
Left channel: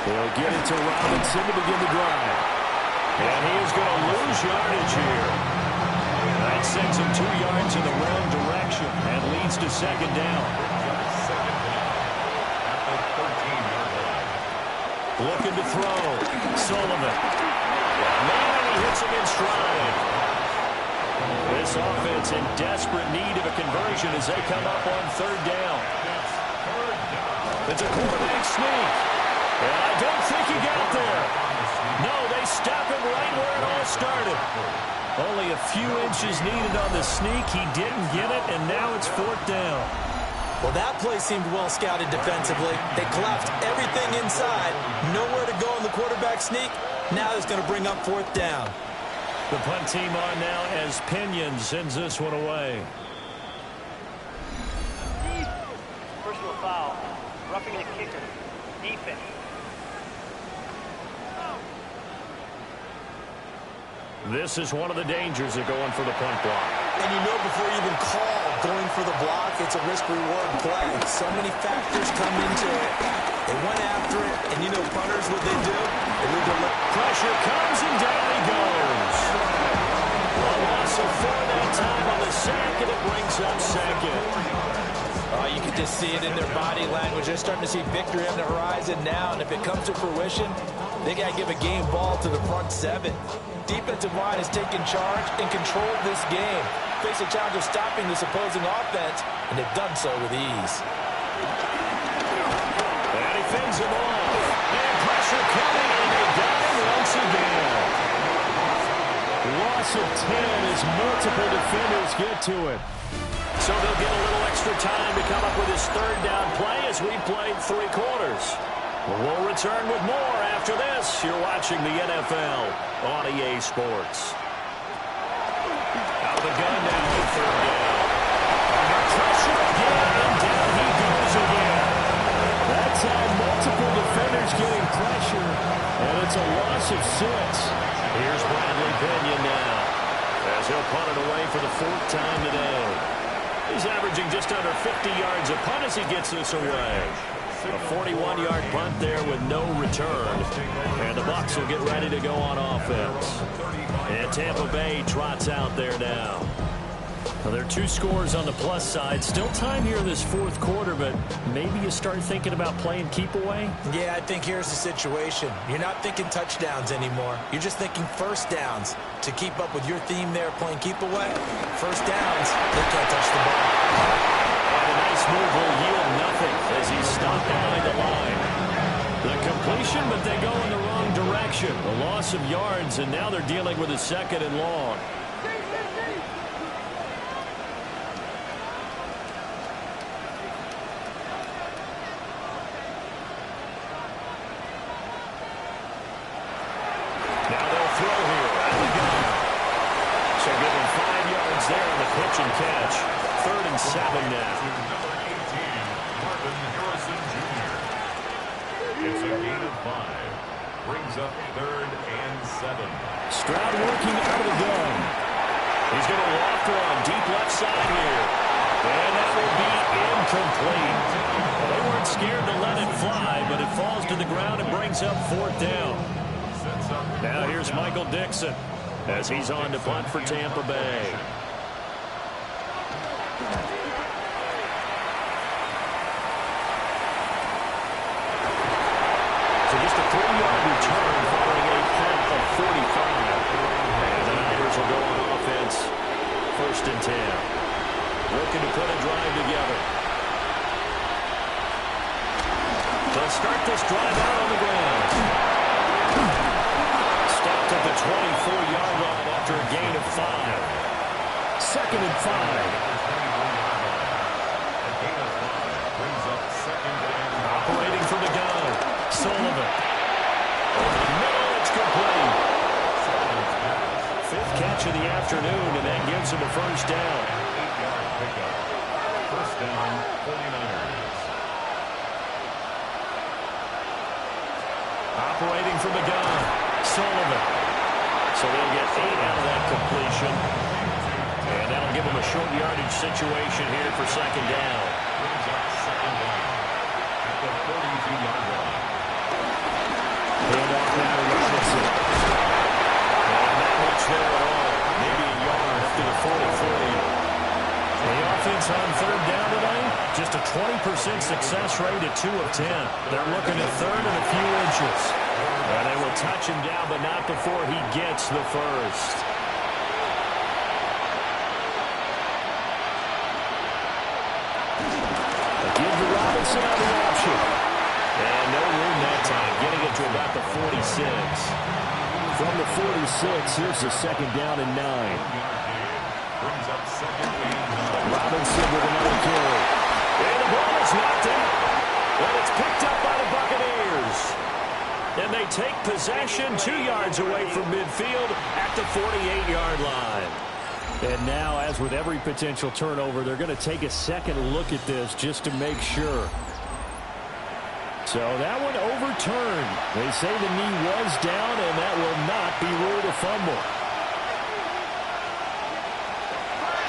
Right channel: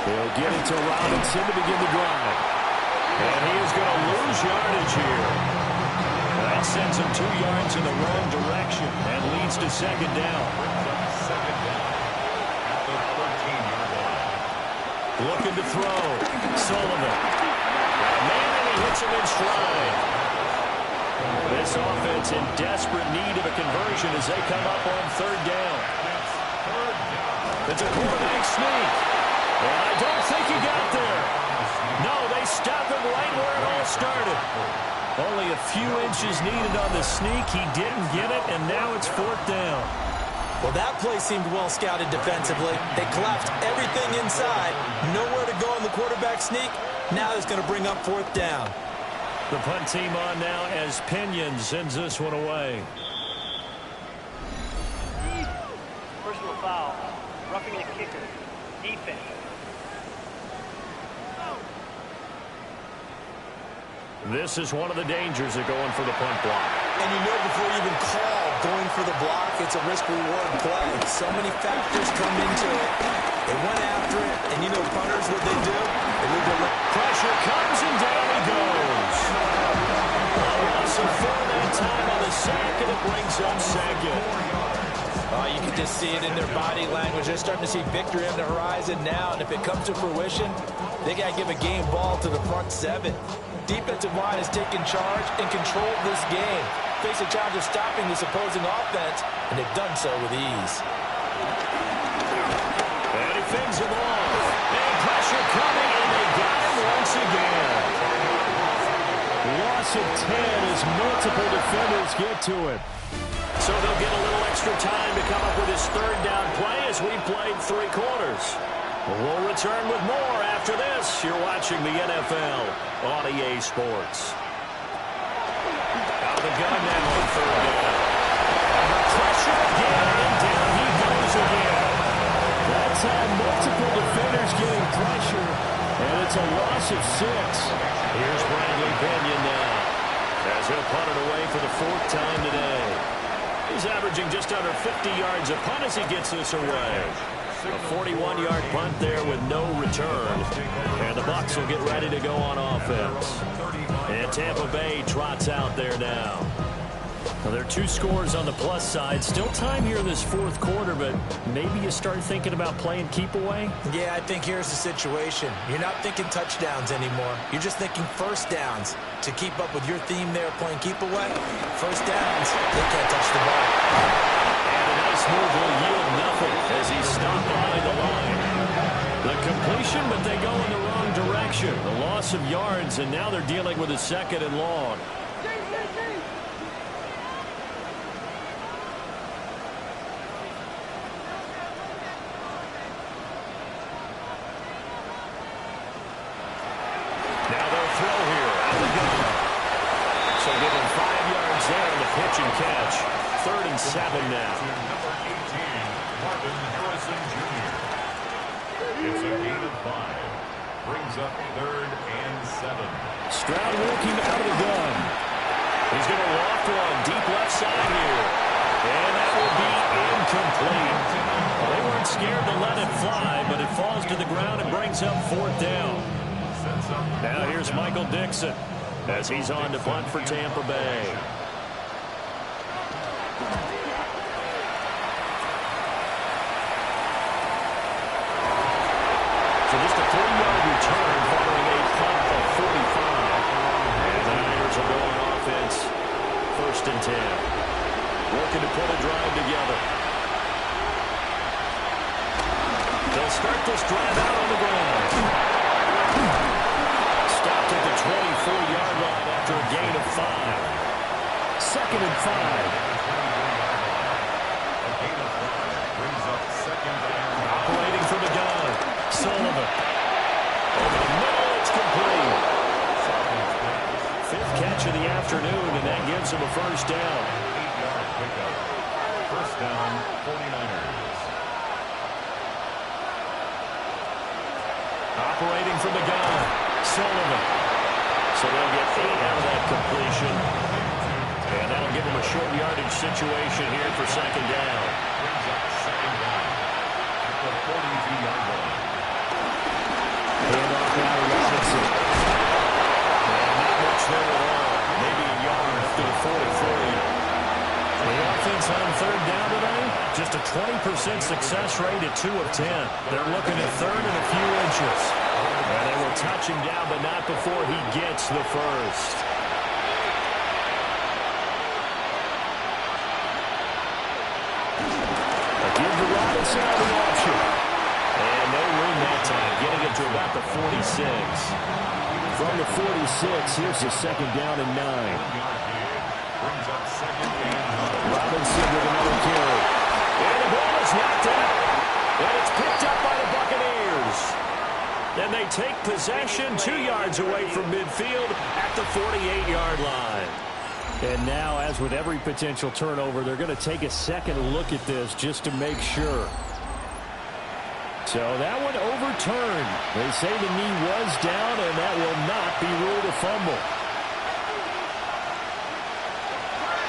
He'll get it to Robinson to begin the drive. And he is going to lose yardage here. That sends him 2 yards in the wrong direction and leads to 2nd down. Brings up 2nd down at the 13-yard line. Looking to throw. Sullivan. Got a man and he hits him in stride. This offense in desperate need of a conversion as they come up on 3rd down. It's a quarterback sneak. And I don't think he got there. No, they stop him right where it all started. Only a few inches needed on the sneak. He didn't get it, and now it's 4th down. Well, that play seemed well scouted defensively. They collapsed everything inside. Nowhere to go on the quarterback sneak. Now it's going to bring up fourth down. The punt team on now as Pinion sends this one away. Personal foul. Roughing the kicker. Defense. This is one of the dangers of going for the punt block. And you know before you even call going for the block, it's a risk-reward play. So many factors come into it. They went after it, and you know punters, what they do? They leave their pressure comes, and down he goes. A loss of 4 that time on the sack, and it brings up second. You can just see it in their body language. They're starting to see victory on the horizon now, and if it comes to fruition, they got to give a game ball to the front 7. Defensive line has taken charge and controlled this game. Face a challenge of stopping this opposing offense, and they've done so with ease. And he fends him off. And pressure coming, and they got him once again. Loss of 10 as multiple defenders get to him. So they'll get a little extra time to come up with his third down play as we played 3 quarters. We'll return with more after this. You're watching the NFL on EA Sports. Out of the gun now on third down. Under pressure again, and down he goes again. That's had multiple defenders getting pressure, and it's a loss of 6. Here's Bradley Pinion now as he'll punt it away for the 4th time today. He's averaging just under 50 yards a punt as he gets this away. A 41-yard punt there with no return. And the Bucs will get ready to go on offense. And Tampa Bay trots out there now. Well, there are 2 scores on the plus side. Still time here in this 4th quarter, but maybe you start thinking about playing keep away? Yeah, I think here's the situation. You're not thinking touchdowns anymore. You're just thinking first downs. To keep up with your theme there, playing keep away, first downs, they can't touch the ball. And a nice move will yield nothing as he's stopped behind the line. The completion, but they go in the wrong direction. The loss of yards, and now they're dealing with a 2nd and long. Now they'll throw here out of the gun. So give him 5 yards there on the pitch and catch. 3rd and 7 now. Number 18, Marvin Harrison Jr. It's a gain of 5. Brings up 3rd and 7. Stroud working out of the gun. He's going to loft one deep left side here. And that will be incomplete. Well, they weren't scared to let it fly, but it falls to the ground and brings up 4th down. Now here's Michael Dixon as he's on to punt for Tampa Bay. So just a 3-yard return following a punt of 45. And the Niners will go on offense. 1st and 10. Looking to put a drive together. They'll start this drive out on the ground. Stopped at the 24-yard line after a gain of 5. 2nd and 5. A gain of 5 brings up 2nd and 5. Operating from the gun. Sullivan. Over the middle, it's complete. 5th catch of the afternoon, and that gives him a 1st down. 8-yard pickup. 1st down, 49ers. Operating from the gun. Sullivan. So they'll get 8 out of that completion. And that'll give them a short yardage situation here for 2nd down. Brings up 2nd down at the 42-yard line. Hand off now to Robinson. And not much there at all. Maybe a yard up to the 43. The offense on 3rd down tonight, just a 20% success rate at 2 of 10. They're looking at 3rd and a few inches. And they will touch him down, but not before he gets the 1st. Give to Robinson on the option. And no room that time, getting it to about the 46. From the 46, here's the 2nd down and 9. Brings up 2nd and 9. Robinson with another carry. And the ball is knocked out. And it's picked up by the Buccaneers. And they take possession 2 yards away from midfield at the 48-yard line. And now, as with every potential turnover, they're going to take a second look at this just to make sure. So that one overturned. They say the knee was down, and that will not be ruled a fumble.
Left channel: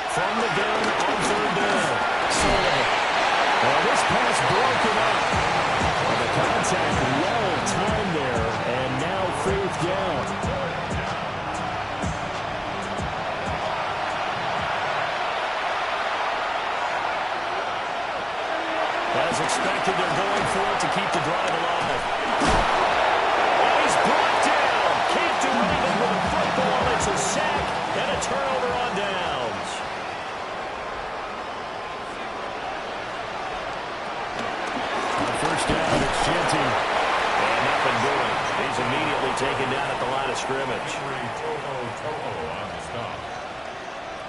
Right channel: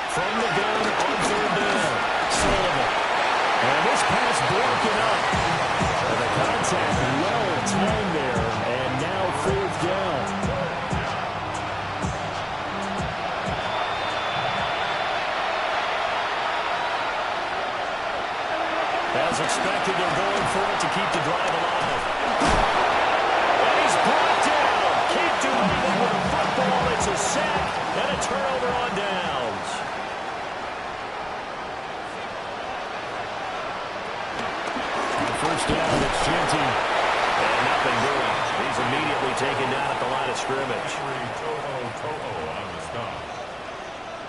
From the gun on third down, Sullivan. And this pass broken up. And the contact well timed there, and now fourth down. As expected, they're going for it to keep the drive alive. And he's brought down. Can't do anything with a football. It's a sack and a turnover on downs. On first down, it's Genty. And nothing doing. He's immediately taken down at the line of scrimmage. Toho on the stop.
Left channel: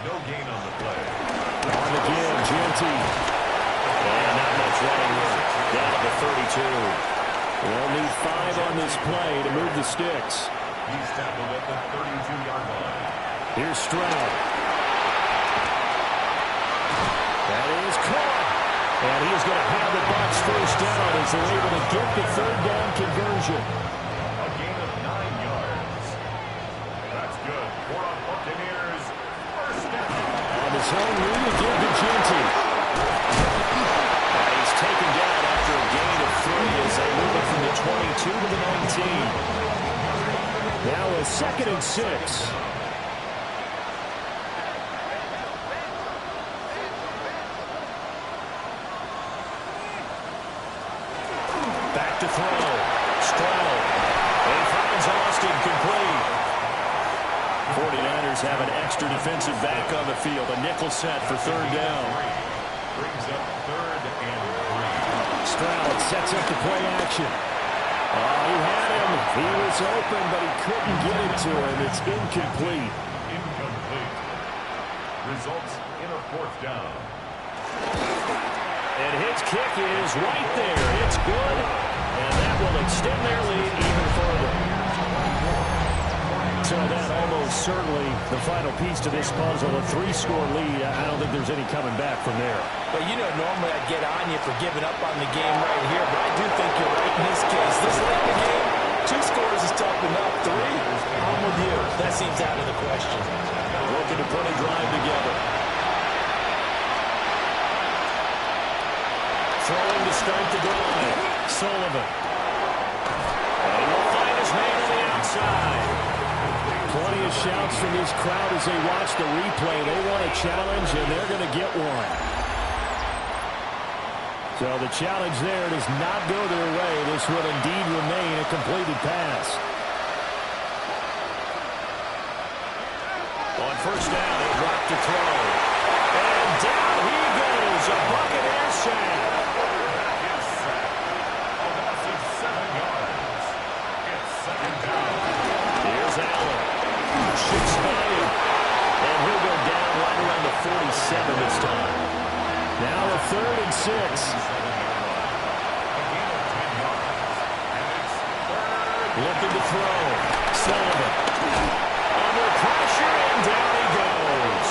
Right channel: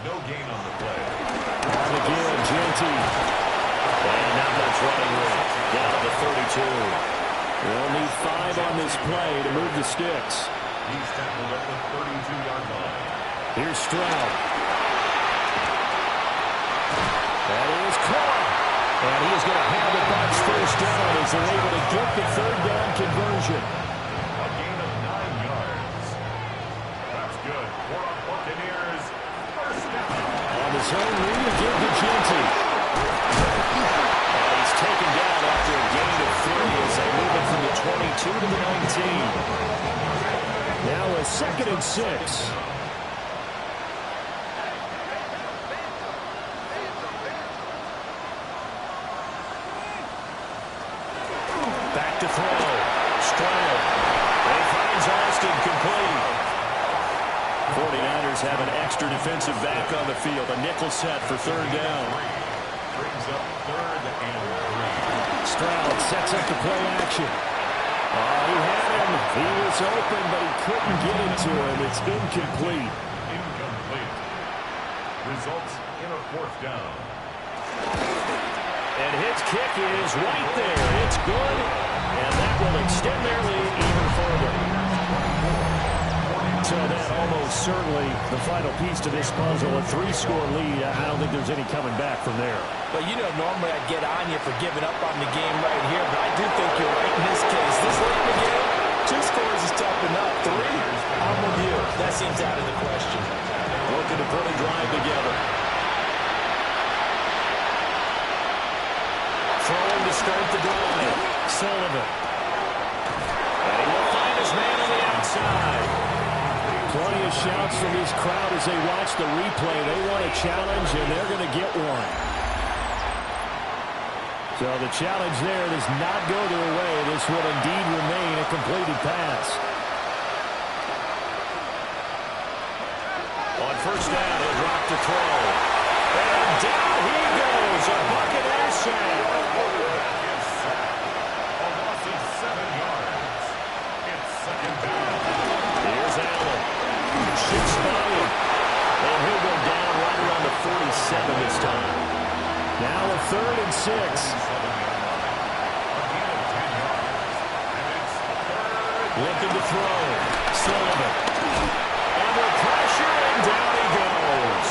No gain on the play. On the give, Genty. And not much running room. Down to the 32. They'll need 5 on this play to move the sticks. He's tackled at the 32-yard line. Here's Stroud. That is caught. And he is going to have the Bucs first down as they're able to get the third down conversion. A gain of 9 yards. That's good for a Buccaneers first down. On his own read to give to Genty. And he's taken down after a gain of 3 as they move it from the 22 to the 19. Now a 2nd and 6. Back to throw. Stroud. And he finds Austin complete. 49ers have an extra defensive back on the field. A nickel set for third down. Brings up 3rd and 3. Stroud sets up the play action. He had him. He was open, but he couldn't get it to him. It's incomplete. Incomplete. Results in a 4th down. And his kick is right there. It's good, and that will extend their lead even further. So that almost certainly the final piece to this puzzle, a 3-score lead. I don't think there's any coming back from there. But, you know, normally I'd get on you for giving up on the game right here, but I do think you're right in this case. This late in the game, 2 scores is tough enough. 3, I'm with you. That seems out of the question. Looking to put a drive together. Throwing to start the drive. Sullivan. And he will find his man on the outside. Plenty of shouts from this crowd as they watch the replay. They want a challenge, and they're going to get one. So the challenge there does not go their way. This will indeed remain a completed pass. On first down, he'll drop to throw. And down he goes. A Buccaneer sack. That is sack. A loss of 7 yards. It's 2nd down. Here's Allen. Shoots by him. And he'll go down right around the 47 this time. Now a 3rd and 6. 7-yard line. A gain of 10 yards. And it's 3rd. Looking to throw. Sullivan. Under pressure, and down he goes.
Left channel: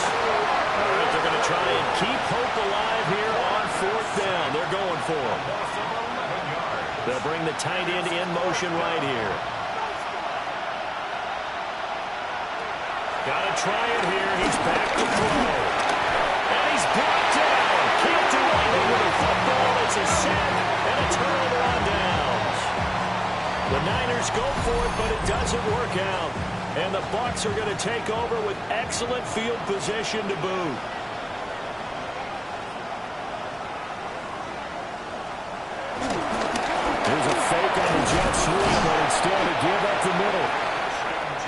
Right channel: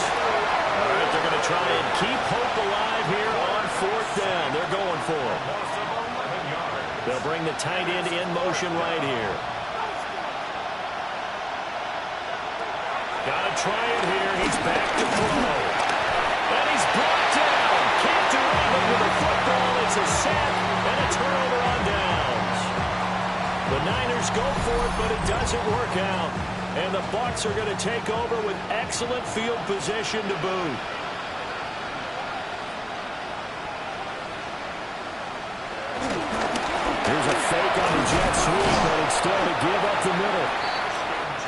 All right, they're going to try and keep hope alive here on 4th down. They're going for him. Loss of 11 yards. They'll bring the tight end in motion right here. Got to try it here. He's back to throw. And he's brought down. Can't do anything with a football. It's a sack and a turnover on downs. The Niners go for it, but it doesn't work out. And the Bucs are going to take over with excellent field position to boot. Here's a fake on the jet sweep, but instead to give up the middle.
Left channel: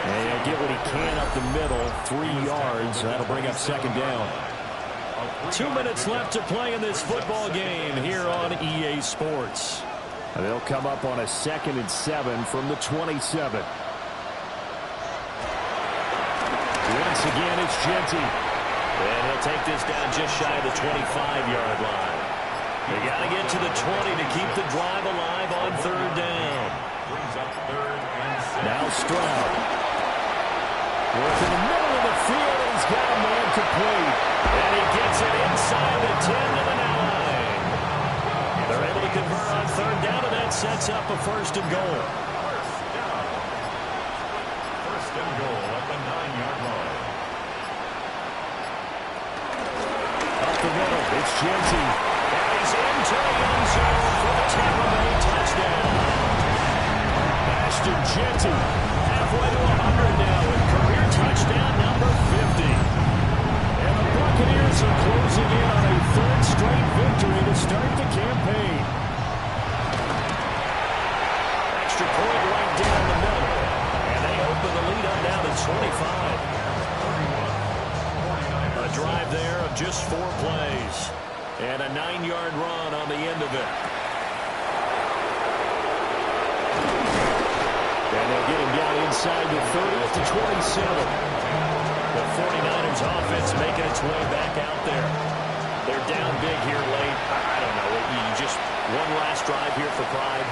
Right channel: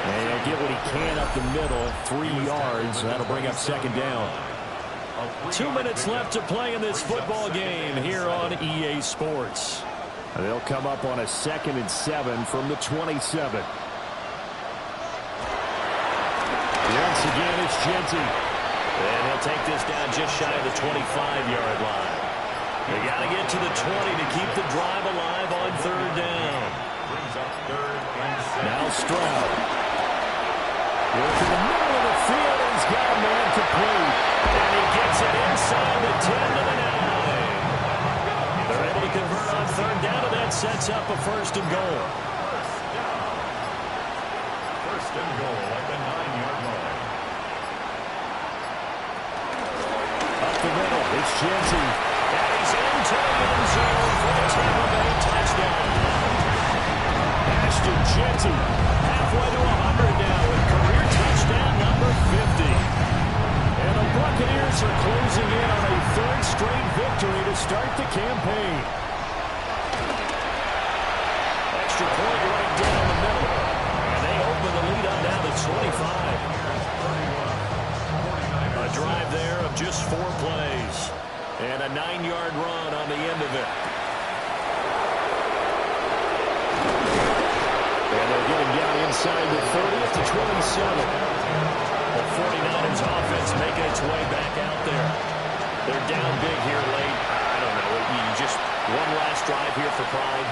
And he'll get what he can up the middle, 3 yards. That'll bring up 2nd down. 2 minutes left to play in this football game here on EA Sports. And they'll come up on a 2nd and 7 from the 27. Once again, it's Genty. And he'll take this down just shy of the 25-yard line. They got to get to the 20 to keep the drive alive on 3rd down. Brings up 3rd and 6. Now Stroud. Works in the middle of the field, and he's got a man complete. And he gets it inside the 10 to the 9. They're able to convert on 3rd down, and that sets up a 1st and goal. First down. 1st and goal at the 9-yard line. Up the middle, it's Genty. And he's into the end zone for the Tampa Bay touchdown. Ashton Genty, halfway to 100 now with career touchdown number 50. And the Buccaneers are closing in on a 3rd straight victory to start the campaign. Extra point right down the middle. And they open the lead up now to 25. A drive there of just 4 plays. And a 9-yard run on the end of it. And they'll get him down inside the 30th to 27. The 49ers offense making its way back out there. They're down big here late. I don't know. You just one last drive here for pride.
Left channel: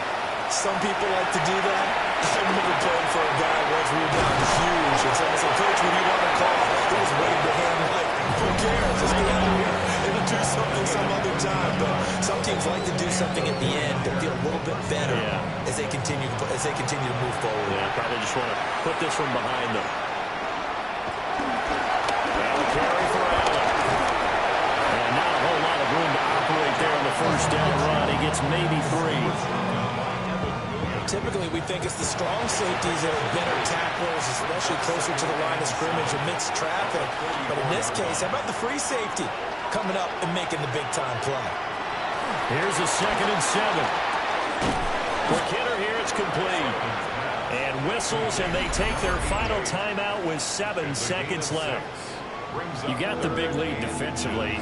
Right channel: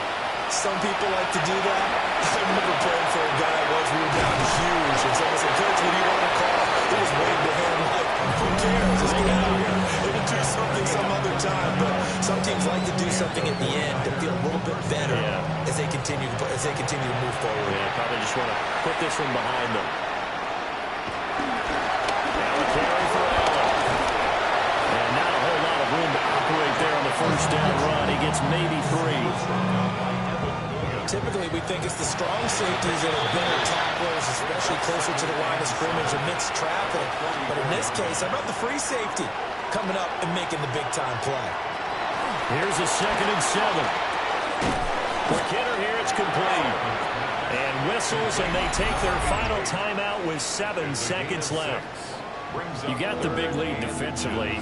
Some people like to do that. I remember playing for a guy once. We were down huge, and someone said, "Coach, what do you want to call?" He was waving to him like, "Who cares? Let's get out of here. It'll do something some other time." But some teams like to do something at the end to feel a little bit better as they continue to move forward. Yeah, probably just want to put this one behind them. Now a carry for Allen. And not a whole lot of room to operate there on the 1st down run. He gets maybe 3. Typically, we think it's the strong safeties that are better tacklers, especially closer to the line of scrimmage amidst traffic. But in this case, how about the free safety coming up and making the big-time play? Here's a 2nd and 7. Quick hitter here, it's complete. And whistles, and they take their final timeout with 7 seconds left. You got the big lead defensively.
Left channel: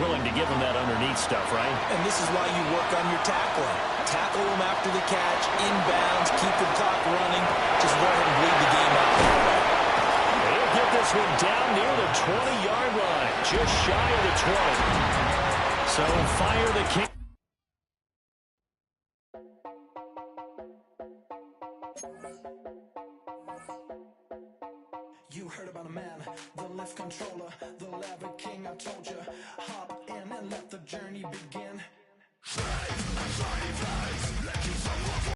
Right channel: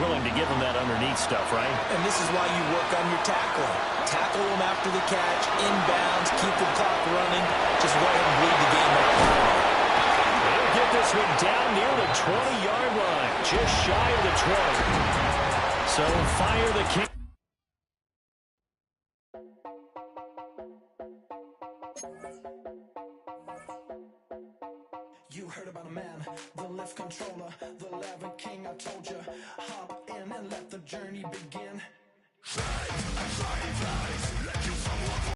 Willing to give them that underneath stuff, right? And this is why you work on your tackling. Tackle them after the catch, inbounds, keep the clock running. Just go ahead and bleed the game out that way. He'll get this one down near the 20-yard line, just shy of the 20. So fire the kick. You heard about a man, the lift controller, the lever king. I told you, hop in and let the journey begin.